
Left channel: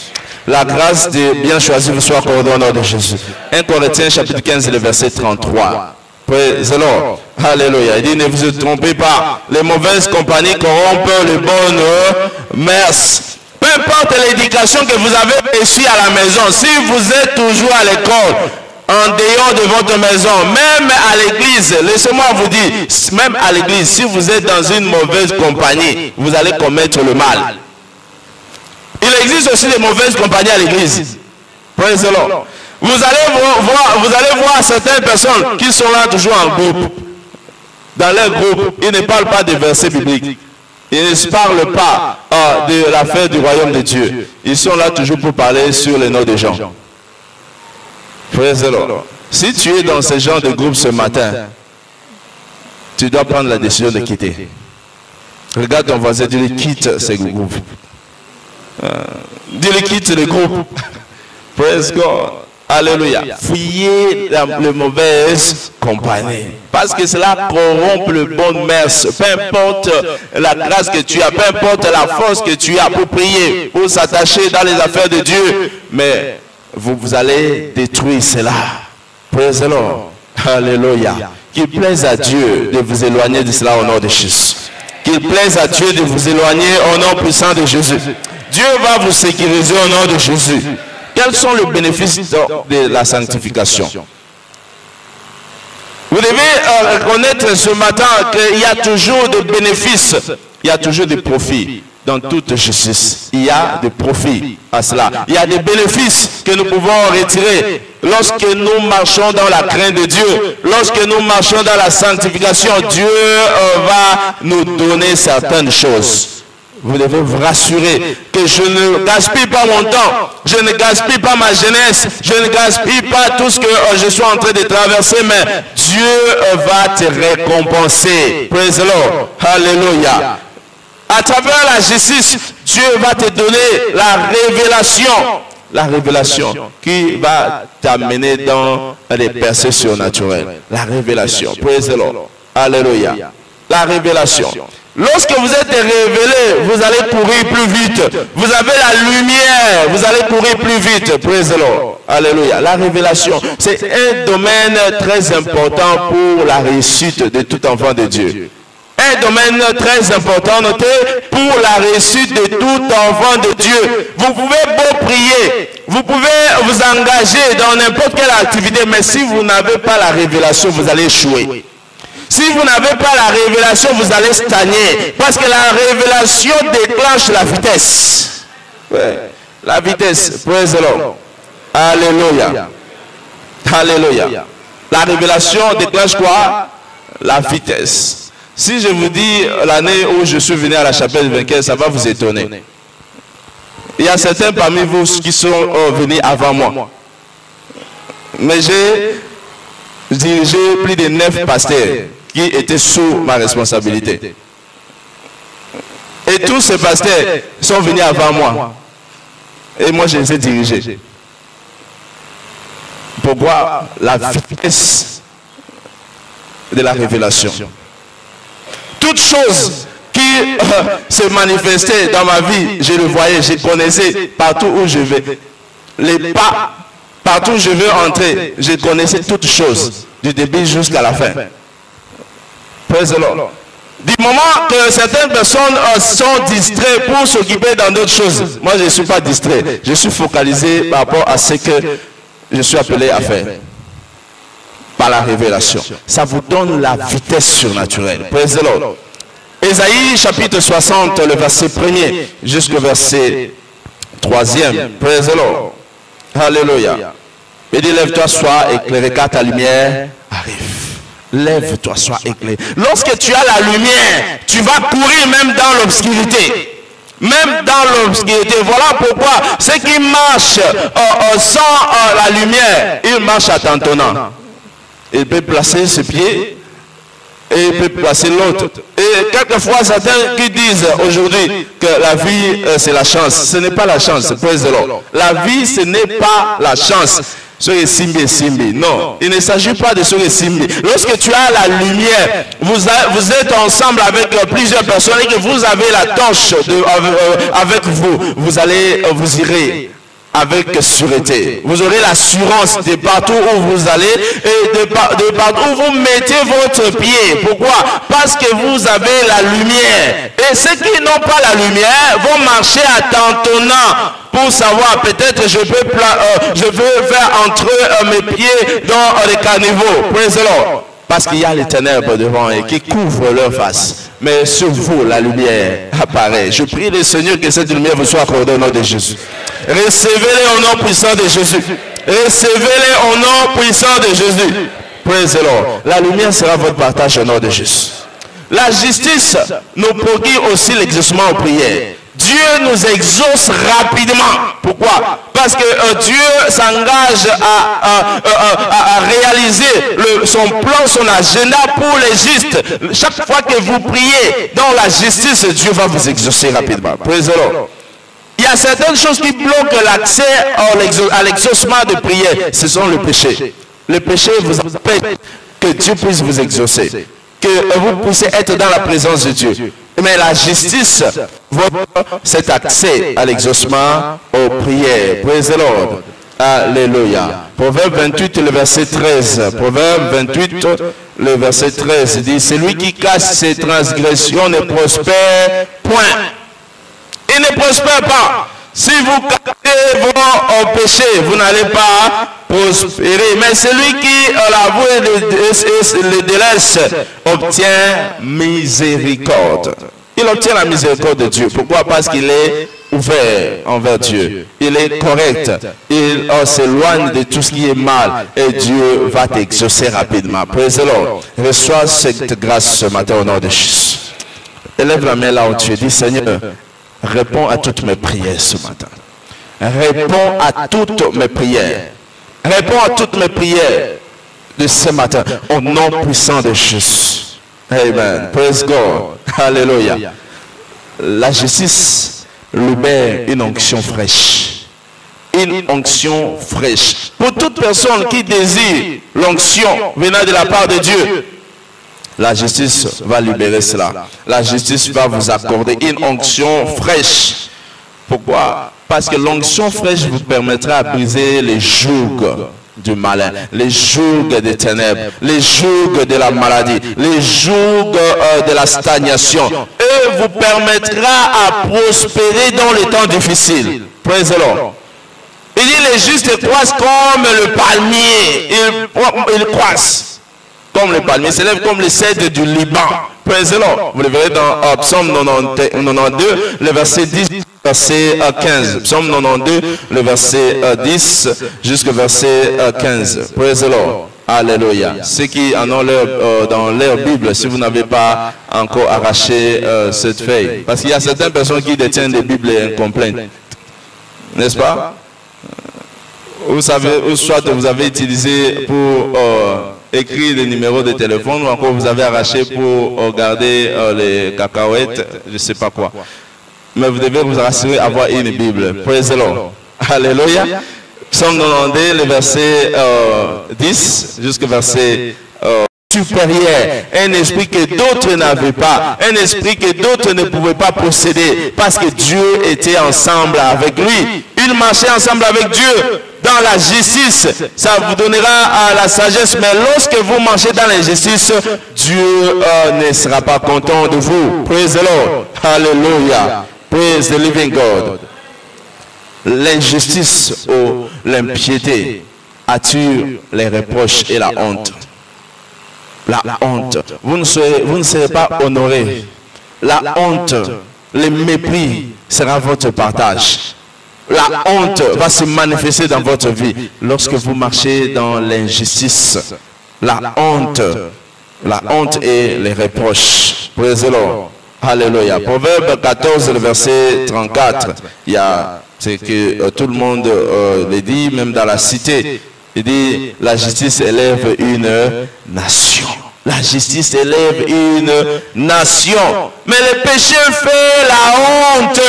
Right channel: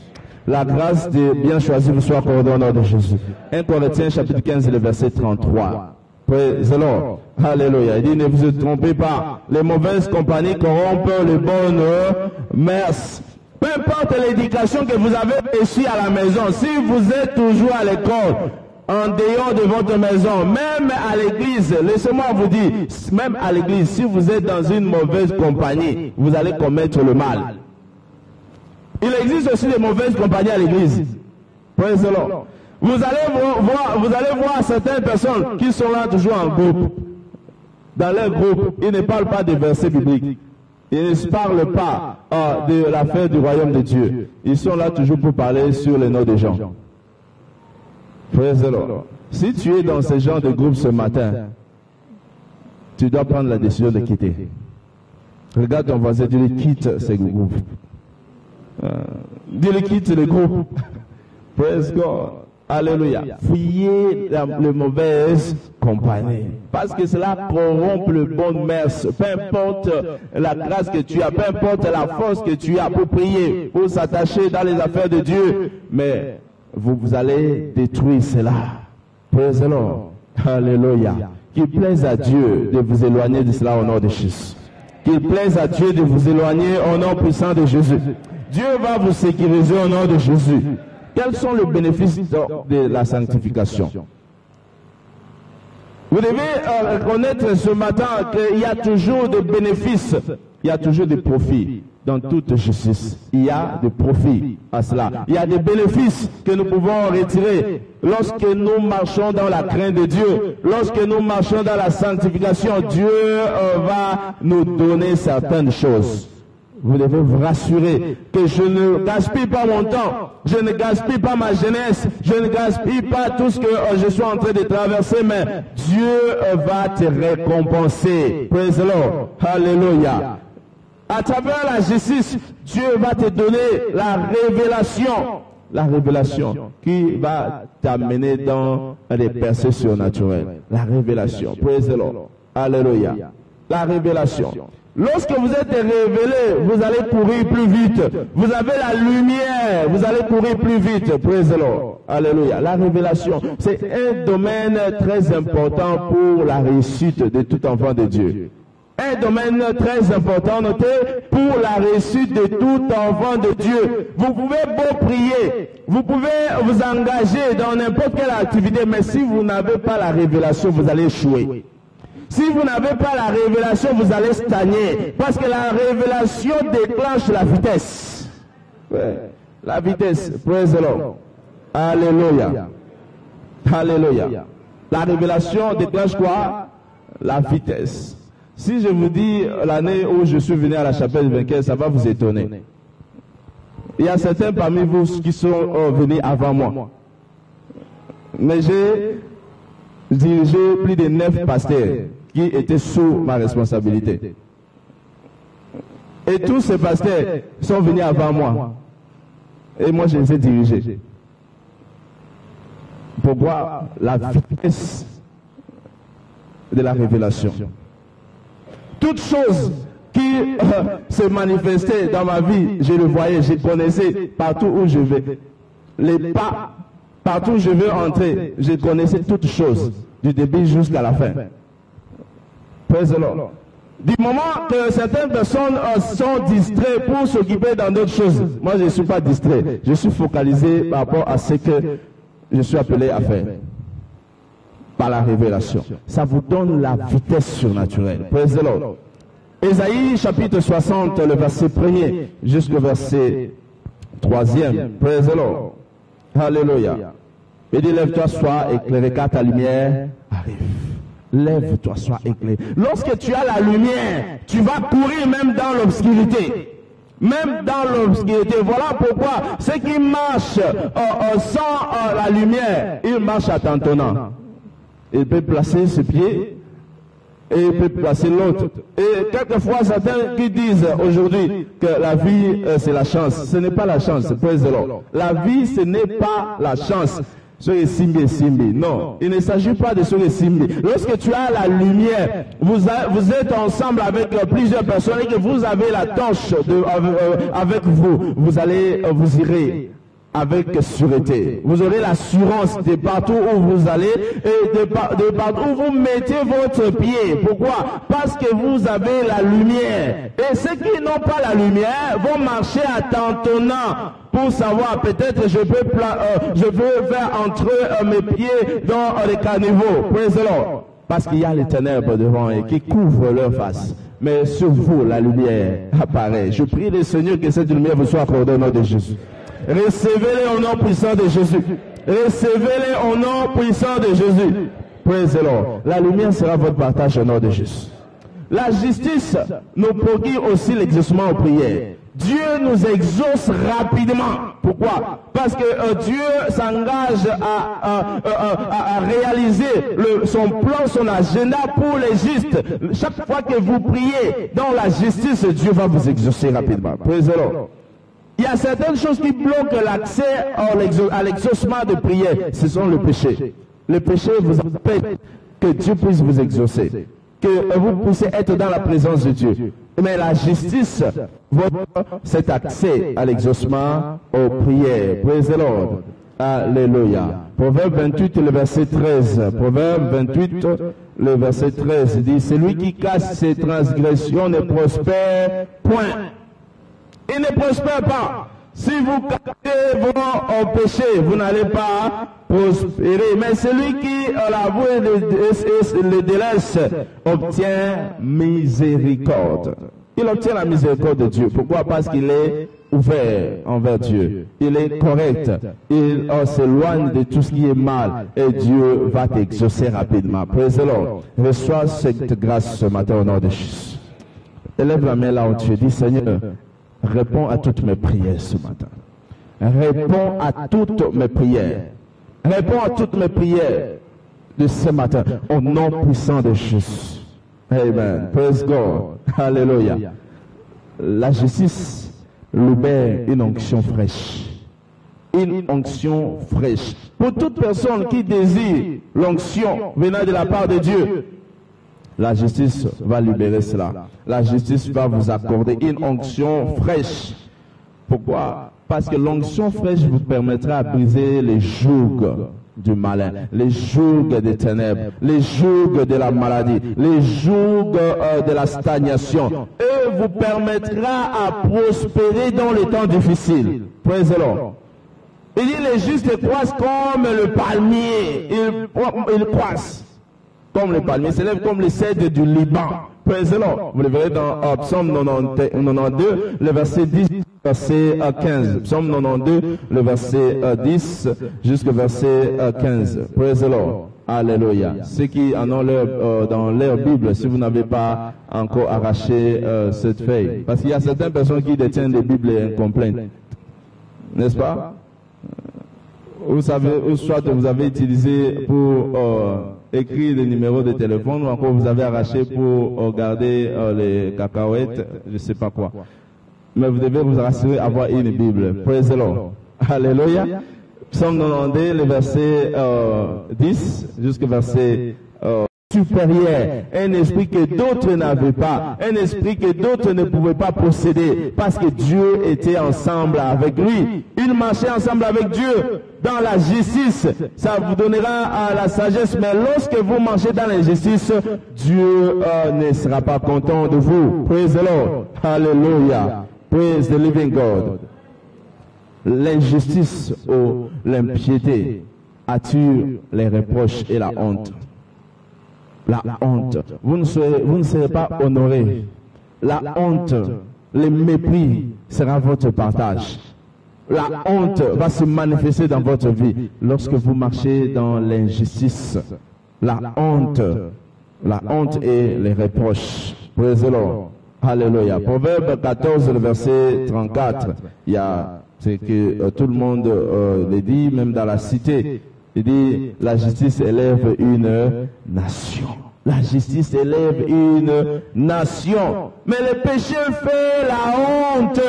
La grâce de bien choisir vous soit accordée au nom de Jésus. 1 Corinthiens chapitre 15, le verset 33. Praise the Lord. Alléluia. Il dit, ne vous trompez pas. Les mauvaises compagnies corrompent les bonnes mœurs. Peu importe l'éducation que vous avez reçue à la maison, si vous êtes toujours à l'école, en dehors de votre maison, même à l'église, laissez-moi vous dire, même à l'église, si vous êtes dans une mauvaise compagnie, vous allez commettre le mal. Il existe aussi des mauvaises compagnies à l'église. Praise the Lord. Vous allez voir certaines personnes qui sont là toujours en groupe. Dans leur groupe, ils ne parlent pas des versets bibliques. Ils ne parlent pas de l'affaire du royaume de Dieu. Ils sont là toujours pour parler sur les noms des gens. Praise the Lord. Si tu es dans ce genre de groupe ce matin, tu dois prendre la décision de quitter. Regarde ton voisin, dis-lui quitte ce groupe. Dis-lui quitte le groupe. Praise God. Alléluia. Fuyez les mauvaises compagnies. Parce que cela corrompt le bon mœurs. Peu importe la grâce que tu as, peu importe la force que tu as pour prier, pour s'attacher dans les affaires de Dieu. Mais vous allez détruire cela. Praise the Lord. Alléluia. Qu'il plaise à Dieu de vous éloigner de cela au nom de Jésus. Qu'il plaise à Dieu de vous éloigner au nom puissant de Jésus. Dieu va vous sécuriser au nom de Jésus. Quels sont les bénéfices de la sanctification? Vous devez reconnaître ce matin qu'il y a toujours des bénéfices, il y a toujours des profits dans toute justice. Il y a des profits à cela. Il y a des bénéfices que nous pouvons retirer lorsque nous marchons dans la crainte de Dieu. Lorsque nous marchons dans la sanctification, Dieu va nous donner certaines choses. Vous devez vous rassurer que je ne gaspille pas mon temps, je ne gaspille pas ma jeunesse, je ne gaspille pas tout ce que je suis en train de traverser, mais Dieu va te récompenser. Praise the Lord. Alléluia. À travers la justice, Dieu va te donner la révélation. La révélation qui va t'amener dans les percées surnaturelles. La révélation. Praise the Lord. Alléluia. La révélation. Lorsque vous êtes révélé, vous allez courir plus vite. Vous avez la lumière, vous allez courir plus vite. Praise the Lord. Alléluia. La révélation, c'est un domaine très important pour la réussite de tout enfant de Dieu. Un domaine très important, notez, pour la réussite de tout enfant de Dieu. Vous pouvez beau prier, vous pouvez vous engager dans n'importe quelle activité, mais si vous n'avez pas la révélation, vous allez échouer. Si vous n'avez pas la révélation, vous allez stagner. Parce que la révélation déclenche la vitesse. Ouais. La vitesse. Praise the Lord. Alléluia. Alléluia. La révélation déclenche quoi? La vitesse. Si je vous dis l'année où je suis venu à la chapelle de vainqueur, ça va vous étonner. Il y a certains parmi vous qui sont venus avant moi. Mais j'ai dirigé plus de 9 pasteurs qui étaient sous ma responsabilité. Et tous ces pasteurs sont venus avant moi. Et moi, je les ai dirigés. Pourquoi? La vitesse de la révélation. Toute chose qui se manifestait dans ma vie, je le voyais, je connaissais partout où je vais. Les pas, partout où je veux entrer, je connaissais toutes choses, du début jusqu'à la fin. Praise the Lord. Du moment que certaines personnes sont distraites pour s'occuper dans d'autres choses, moi je ne suis pas distrait, je suis focalisé par rapport à ce que je suis appelé à faire. Par la révélation. Ça vous donne la vitesse surnaturelle. Praise the Lord. Ésaïe chapitre 60, le verset 1er jusqu'au verset 3e. Praise the Lord. Alléluia. Il dit, lève-toi, sois éclairé, car ta lumière arrive. Lève-toi, sois éclairé. Lorsque tu as la lumière, tu vas courir même dans l'obscurité. Même dans l'obscurité. Voilà pourquoi ceux qui marchent sans la lumière, ils marchent à tâtonnant. Il peut placer ses pieds et il peut placer l'autre. Et quelquefois, certains qui disent aujourd'hui que la vie, c'est la chance. Ce n'est pas la chance, praise the Lord. La vie, ce n'est pas la chance. Non, il ne s'agit pas de Simbi. Lorsque tu as la lumière, vous êtes ensemble avec plusieurs personnes et que vous avez la torche avec vous, vous irez avec sûreté. Vous aurez l'assurance de partout où vous allez et de partout où vous mettez votre pied. Pourquoi? Parce que vous avez la lumière. Et ceux qui n'ont pas la lumière vont marcher à tâtonnant pour savoir, peut-être je veux faire entrer mes pieds dans les caniveaux. Praise the Lord. Parce qu'il y a les ténèbres devant eux qui couvrent leur face. Mais sur vous, la lumière apparaît. Je prie le Seigneur que cette lumière vous soit accordée au nom de Jésus. Recevez-les au nom puissant de Jésus. Recevez-les au nom puissant de Jésus. Praise the Lord. La lumière sera votre partage au nom de Jésus. La justice nous procure aussi l'exaucement aux prières. Dieu nous exauce rapidement. Pourquoi? Parce que Dieu s'engage à réaliser son plan, son agenda pour les justes. Chaque fois que vous priez dans la justice, Dieu va vous exaucer rapidement. Praise the Lord. Il y a certaines choses qui bloquent l'accès à l'exaucement de prière. Ce sont le péché. Le péché vous empêche que Dieu puisse vous exaucer. Que vous puissiez être dans la présence de Dieu. Mais la justice, cet accès à l'exaucement aux prières. Praise the Lord. Alléluia. Proverbe 28, le verset 13. Proverbe 28, le verset 13 dit, celui qui cache ses transgressions ne prospère point. Il ne prospère pas. Si vous cachez vos péchés, vous n'allez pas prospérer. Mais celui qui l'avoue et le délaisse obtient miséricorde. Il obtient la miséricorde de Dieu. Pourquoi? Parce qu'il est ouvert envers Dieu. Il est correct. Il s'éloigne de tout ce qui est mal. Et Dieu va t'exaucer rapidement. Praise the Lord. Reçois cette grâce ce matin au nom de Jésus. Élève la main là où tu es. Dis, Seigneur, réponds à toutes mes prières ce matin. Réponds à toutes mes prières. Réponds à toutes mes prières de ce matin. Au nom puissant de Jésus. Amen. Praise God. Alléluia. La justice libère une onction fraîche. Une onction fraîche. Pour toute personne qui désire l'onction venant de la part de Dieu, la justice va libérer cela. La justice va vous accorder une onction fraîche. Pourquoi? Parce que l'onction fraîche vous permettra de briser les jougs du malin, les jougs des ténèbres, les jougs de la maladie, les jougs de la stagnation. Et vous permettra à prospérer dans les temps difficiles. Praise the Lord. Il dit les justes croissent comme le palmier. Ils croissent comme le palmier, s'élève comme les cèdres du Liban. Praise the Lord. Vous le verrez dans Psaume 92, le verset 10, verset 15. Psaume 92, le verset 10 jusqu'au verset 15. Praise the Lord. Alléluia. Ceux qui en ont dans leur Bible, si vous n'avez pas encore arraché cette feuille, parce qu'il y a certaines personnes qui détiennent des Bibles incomplètes, n'est-ce pas? Vous savez, ou soit vous avez utilisé pour écrire les numéros de téléphone, ou encore vous avez arraché pour regarder les cacahuètes, je ne sais pas quoi. Mais vous devez vous rassurer avoir une Bible. Praise the Lord. Alléluia. Psaume 92, le verset 10 jusqu'au verset supérieur. Un esprit que d'autres n'avaient pas. Un esprit que d'autres ne pouvaient pas posséder. Parce que Dieu était ensemble avec lui. Il marchait ensemble avec Dieu. Dans la justice, ça vous donnera la sagesse. Mais lorsque vous marchez dans la justice, Dieu ne sera pas content de vous. Praise the Lord. Hallelujah. Praise the living God. L'injustice ou l'impiété attire les reproches et la honte. La honte. Vous ne serez pas honoré. La honte, le mépris sera votre partage. La honte va se manifester dans votre vie lorsque vous marchez dans l'injustice. La honte et les reproches. Praise the Lord. Alléluia. Proverbe 14, le verset 34. Il y a ce que tout le monde le dit, même dans la cité. Il dit, la justice élève une nation. La justice élève une nation. Mais le péché fait la honte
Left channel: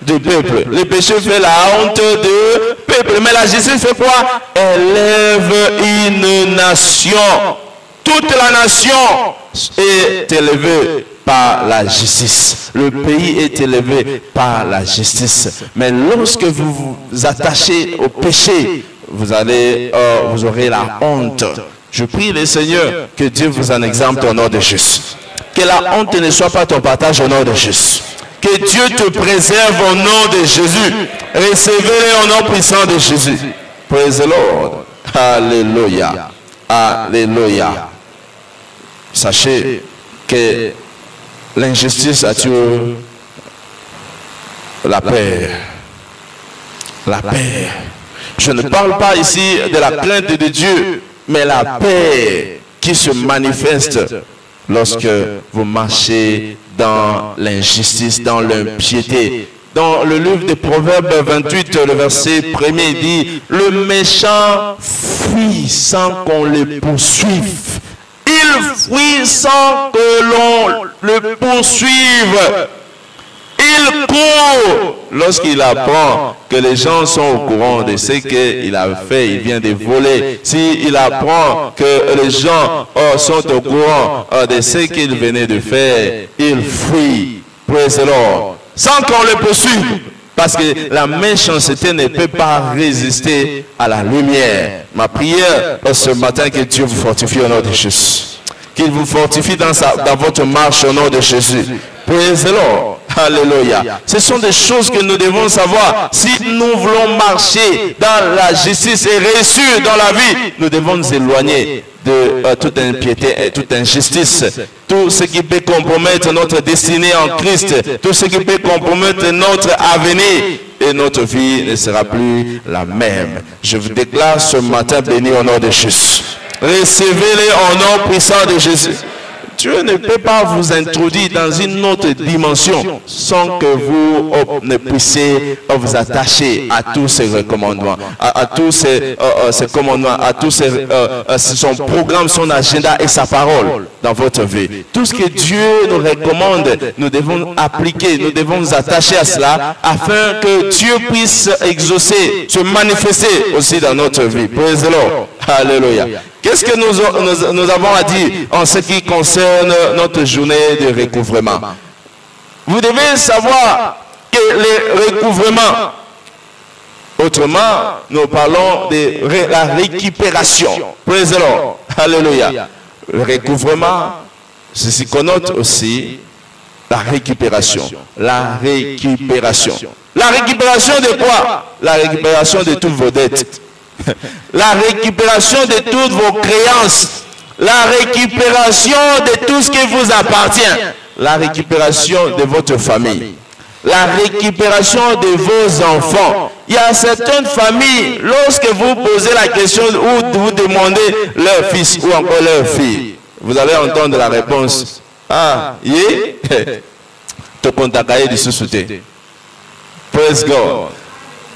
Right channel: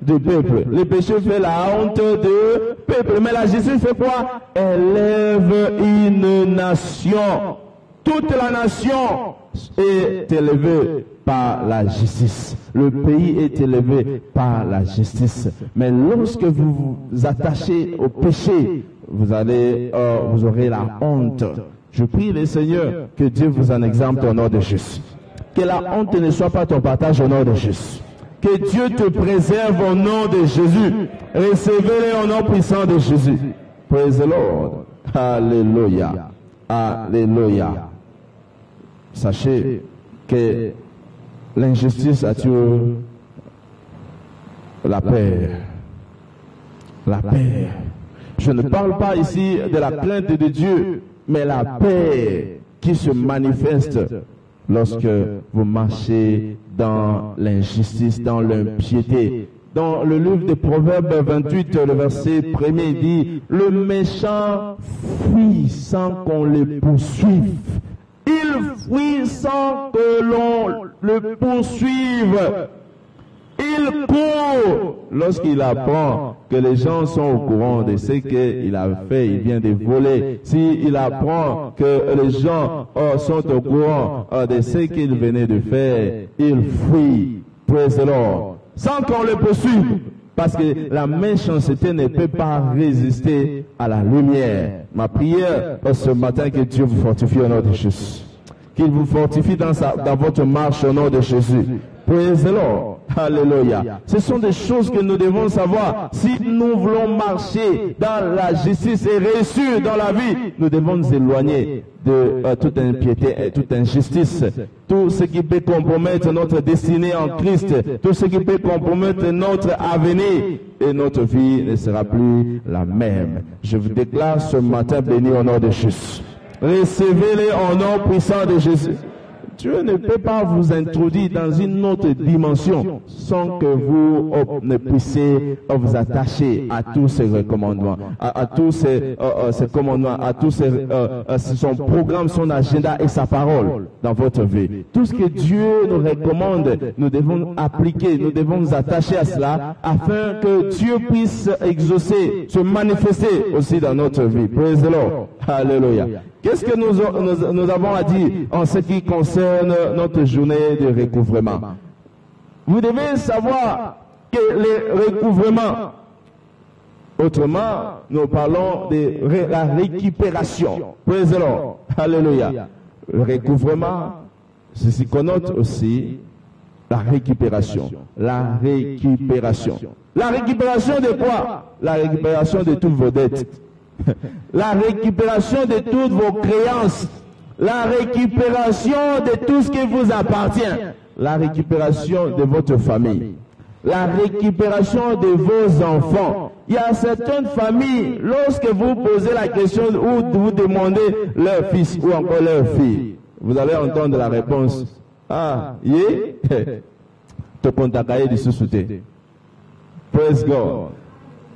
du peuple. Le péché fait la honte du peuple. Mais la justice fait quoi? Élève une nation. toute la nation est élevée par la justice. Le pays est élevé par la justice. Mais lorsque vous vous attachez au péché, vous aurez la honte. Je prie le Seigneur que Dieu vous en exempte au nom de Jésus. Que la honte ne soit pas ton partage au nom de Jésus. Que Dieu te préserve au nom de Jésus. Recevez-le au nom puissant de Jésus. Praise the Lord. Alléluia. Alléluia. Sachez que l'injustice a tué la paix. La paix. Je ne parle pas ici de la crainte de Dieu, mais la paix qui se manifeste lorsque vous marchez dans l'injustice, dans l'impiété. Dans le livre des Proverbes 28, le verset 1er dit, le méchant fuit sans qu'on le poursuive. Il fuit sans que l'on le poursuive. Il court lorsqu'il apprend que les gens sont au courant de ce qu'il a fait, il vient de voler. S'il apprend que les gens sont au courant de ce qu'il venait de faire, il fuit. Praise the Lord. Sans qu'on le poursuive. Parce que la méchanceté ne peut pas résister à la lumière. Ma prière ce matin, que Dieu vous fortifie au nom de Jésus. Qu'il vous fortifie dans votre marche au nom de Jésus. Praise the Lord. Alléluia. Ce sont des choses que nous devons savoir. Si nous voulons marcher dans la justice et réussir dans la vie, nous devons nous éloigner de toute impiété et toute injustice. Tout ce qui peut compromettre notre destinée en Christ, tout ce qui peut compromettre notre avenir, et notre vie ne sera plus la même. Je vous déclare ce matin béni au nom de Jésus. Recevez-les au nom puissant de Jésus. Dieu ne peut pas vous introduire dans une autre dimension sans que vous ne puissiez vous attacher à tous ces recommandements, à tous ces commandements, à tous son programme, son agenda et sa parole dans votre vie. Tout ce que Dieu nous recommande, nous devons appliquer, nous devons nous attacher à cela afin que Dieu puisse exaucer, se manifester aussi dans notre vie. Praise the Lord. Alléluia. Qu'est-ce que nous avons à dire en ce qui concerne notre journée de recouvrement? Vous devez savoir que les recouvrements, autrement, nous parlons de la récupération. Praise the Lord. Alléluia. Le recouvrement, ceci connote aussi la récupération. La récupération. La récupération de quoi? La récupération de toutes vos dettes. La récupération de toutes vos créances, la récupération de tout ce qui vous appartient, la récupération de votre famille, la récupération de vos enfants. Il y a certaines familles, lorsque vous posez la question ou vous demandez leur fils ou encore leur fille, vous allez entendre la réponse. Ah, te contacter du sous-souté. Praise God.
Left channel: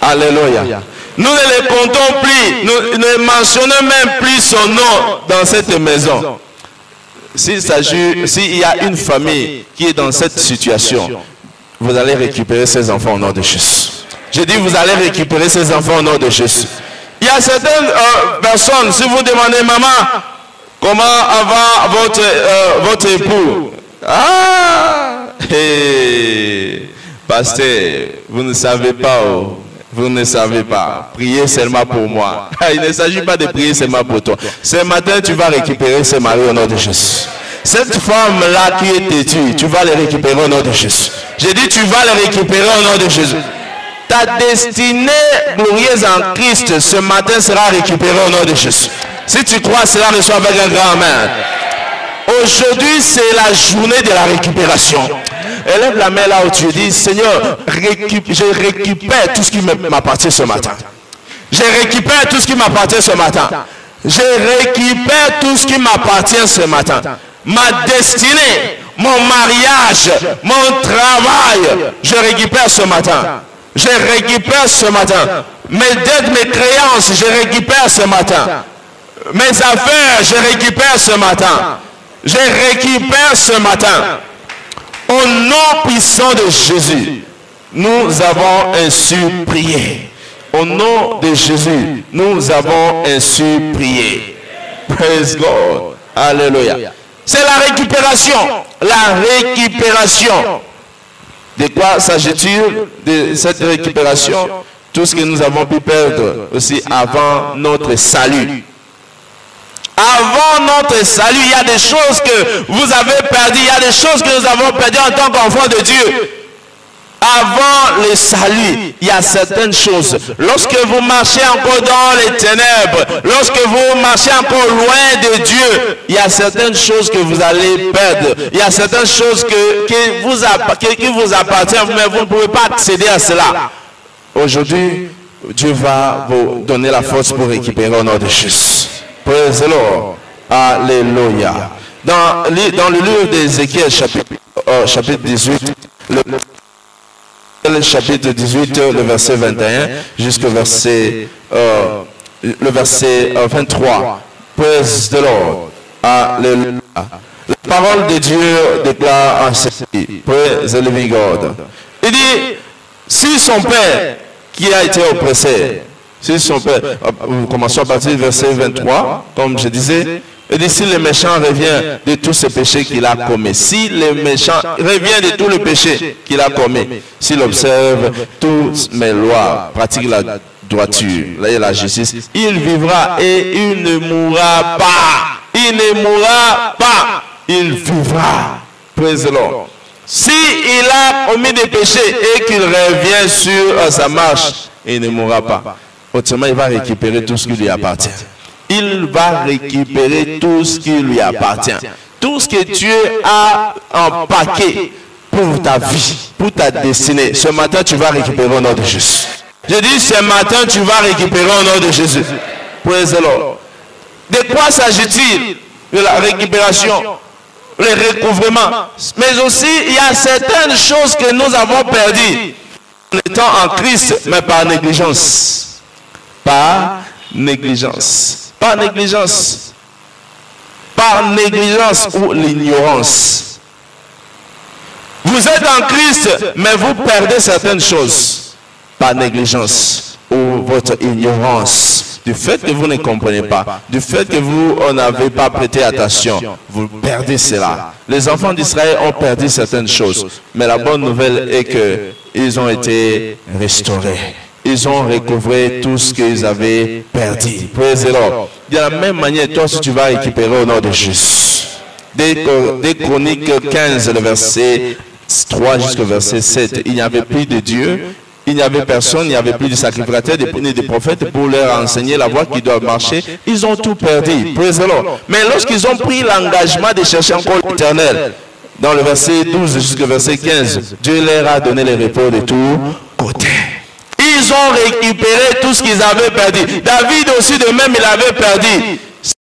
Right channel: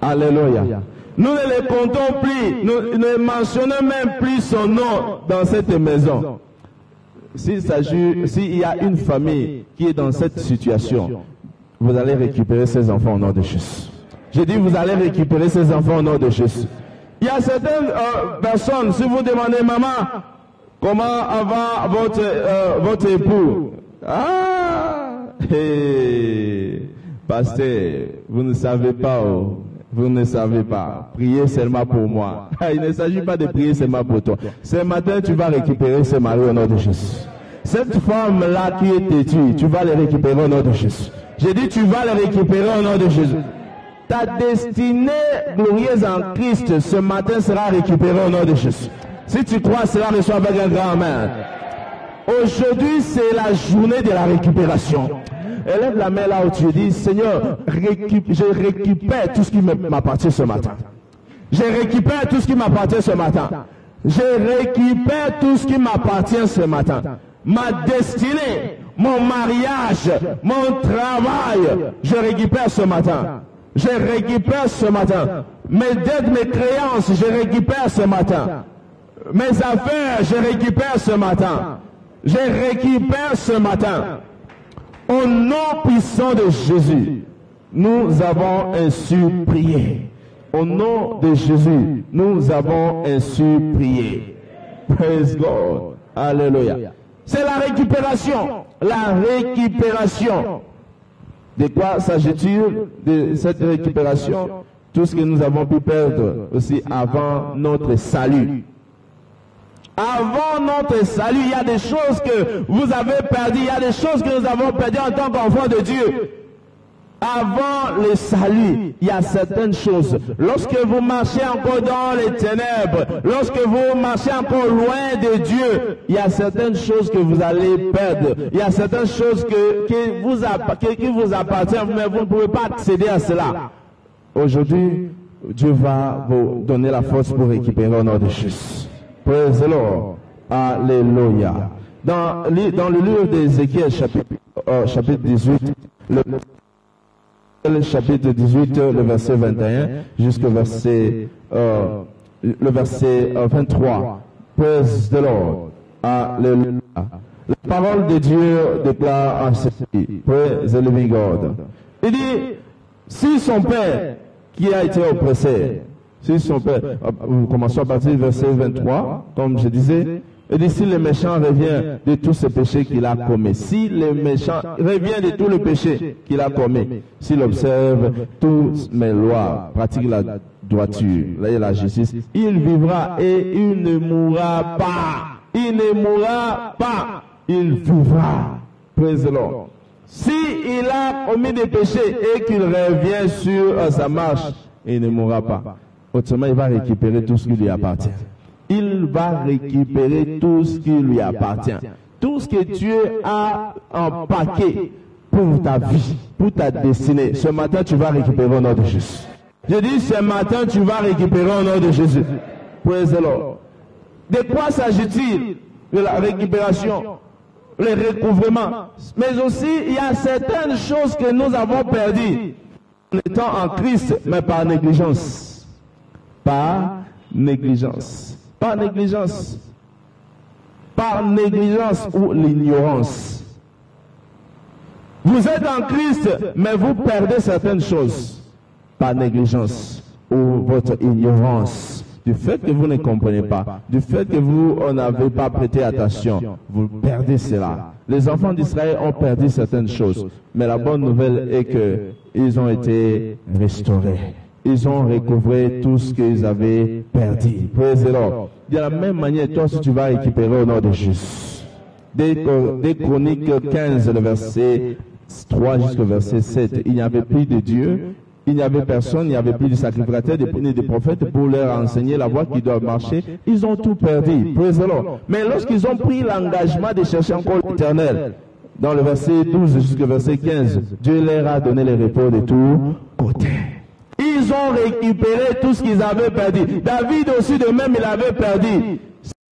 Alléluia. Nous ne les comptons plus, nous ne mentionnons même plus son nom dans cette maison. S'il y a une famille qui est dans cette situation, vous allez récupérer ses enfants au nom de Jésus. Je dis, vous allez récupérer ses enfants au nom de Jésus. Il y a certaines personnes, si vous demandez, maman, comment va votre époux? Ah, hey, pasteur, vous ne savez pas où. Vous ne savez pas. Priez seulement pour moi. Il ne s'agit pas de prier seulement pour toi. Ce matin, tu vas récupérer ce mari au nom de Jésus. Cette femme-là qui est têtue, tu vas les récupérer au nom de Jésus. J'ai dit, tu vas les récupérer au nom de Jésus. Ta destinée glorieuse en Christ, ce matin, sera récupérée au nom de Jésus. Si tu crois cela, reçois avec un grand amen. Aujourd'hui, c'est la journée de la récupération. Élève la main là où tu dis, Seigneur, je récupère tout ce qui m'appartient ce matin. Je récupère tout ce qui m'appartient ce matin. Je récupère tout ce qui m'appartient ce matin. Ma destinée, mon mariage, mon travail, je récupère ce matin. Je récupère ce matin. Mes dettes, mes créances, je récupère ce matin. Mes affaires, je récupère ce matin. Je récupère ce matin. Au nom puissant de Jésus, nous avons ainsi prié. Au nom de Jésus, nous avons ainsi prié. Praise God. Alléluia. C'est la récupération. La récupération. De quoi s'agit-il de cette récupération? Tout ce que nous avons pu perdre aussi avant notre salut. Avant notre salut, il y a des choses que vous avez perdues. Il y a des choses que nous avons perdues en tant qu'enfants de Dieu. Avant le salut, il y a certaines choses. Lorsque vous marchez encore dans les ténèbres, lorsque vous marchez encore loin de Dieu, il y a certaines choses que vous allez perdre. Il y a certaines choses qui vous appartiennent, mais vous ne pouvez pas accéder à cela. Aujourd'hui, Dieu va vous donner la force pour récupérer au nom de Jésus. Praise the Lord. Alléluia. Dans le livre d'Ézéchiel, chapitre 18, le chapitre 18, le verset 21 jusqu'au verset, le verset 23. Praise the Lord. Alléluia. La parole de Dieu déclare en ceci. Praise the living God. Il dit, si son père qui a été oppressé, si son père, commençons à partir du verset 23, comme je disais, il dit, si le méchant revient de tous ses péchés qu'il a commis, si le méchant revient de tous les péchés qu'il a commis, s'il observe toutes mes lois, pratique la droiture et la justice, il vivra et il ne mourra pas. Il ne mourra pas. Il vivra. Praise the Lord. Si il a commis des péchés et qu'il revient sur sa marche, il ne mourra pas. Autrement, il va récupérer tout ce qui lui appartient. Il va récupérer tout ce qui lui appartient. Tout ce que Dieu a empaqué pour ta vie, pour ta destinée. Ce matin, tu vas récupérer au nom de Jésus. Je dis, ce matin, tu vas récupérer au nom de Jésus. Praise the Lord. De quoi s'agit-il? De la récupération, le recouvrement. Mais aussi, il y a certaines choses que nous avons perdues en étant en Christ, mais par négligence. Par négligence. Par négligence. Par négligence ou l'ignorance. Vous êtes en Christ, mais vous perdez certaines choses. Par négligence ou votre ignorance. Du fait que vous ne comprenez pas, du fait que vous n'avez pas prêté attention, vous perdez cela. Les enfants d'Israël ont perdu certaines choses, mais la bonne nouvelle est qu'ils ont été restaurés. Ils ont recouvré tout ce qu'ils avaient perdu. Praise the Lord. De la même manière, toi, si tu vas récupérer au nom de Jésus. Des Chroniques 15, le verset 3 jusqu'au verset 7, il n'y avait plus de Dieu. Il n'y avait personne, il n'y avait plus de sacrificateurs, ni de prophètes pour leur enseigner la voie qui doit marcher. Ils ont tout perdu. Praise the Lord. Mais lorsqu'ils ont pris l'engagement de chercher encore l'Éternel, dans le verset 12 jusqu'au verset 15, Dieu leur a donné le repos de tous côtés. Ils ont récupéré tout ce qu'ils avaient perdu. David aussi de même, il avait perdu.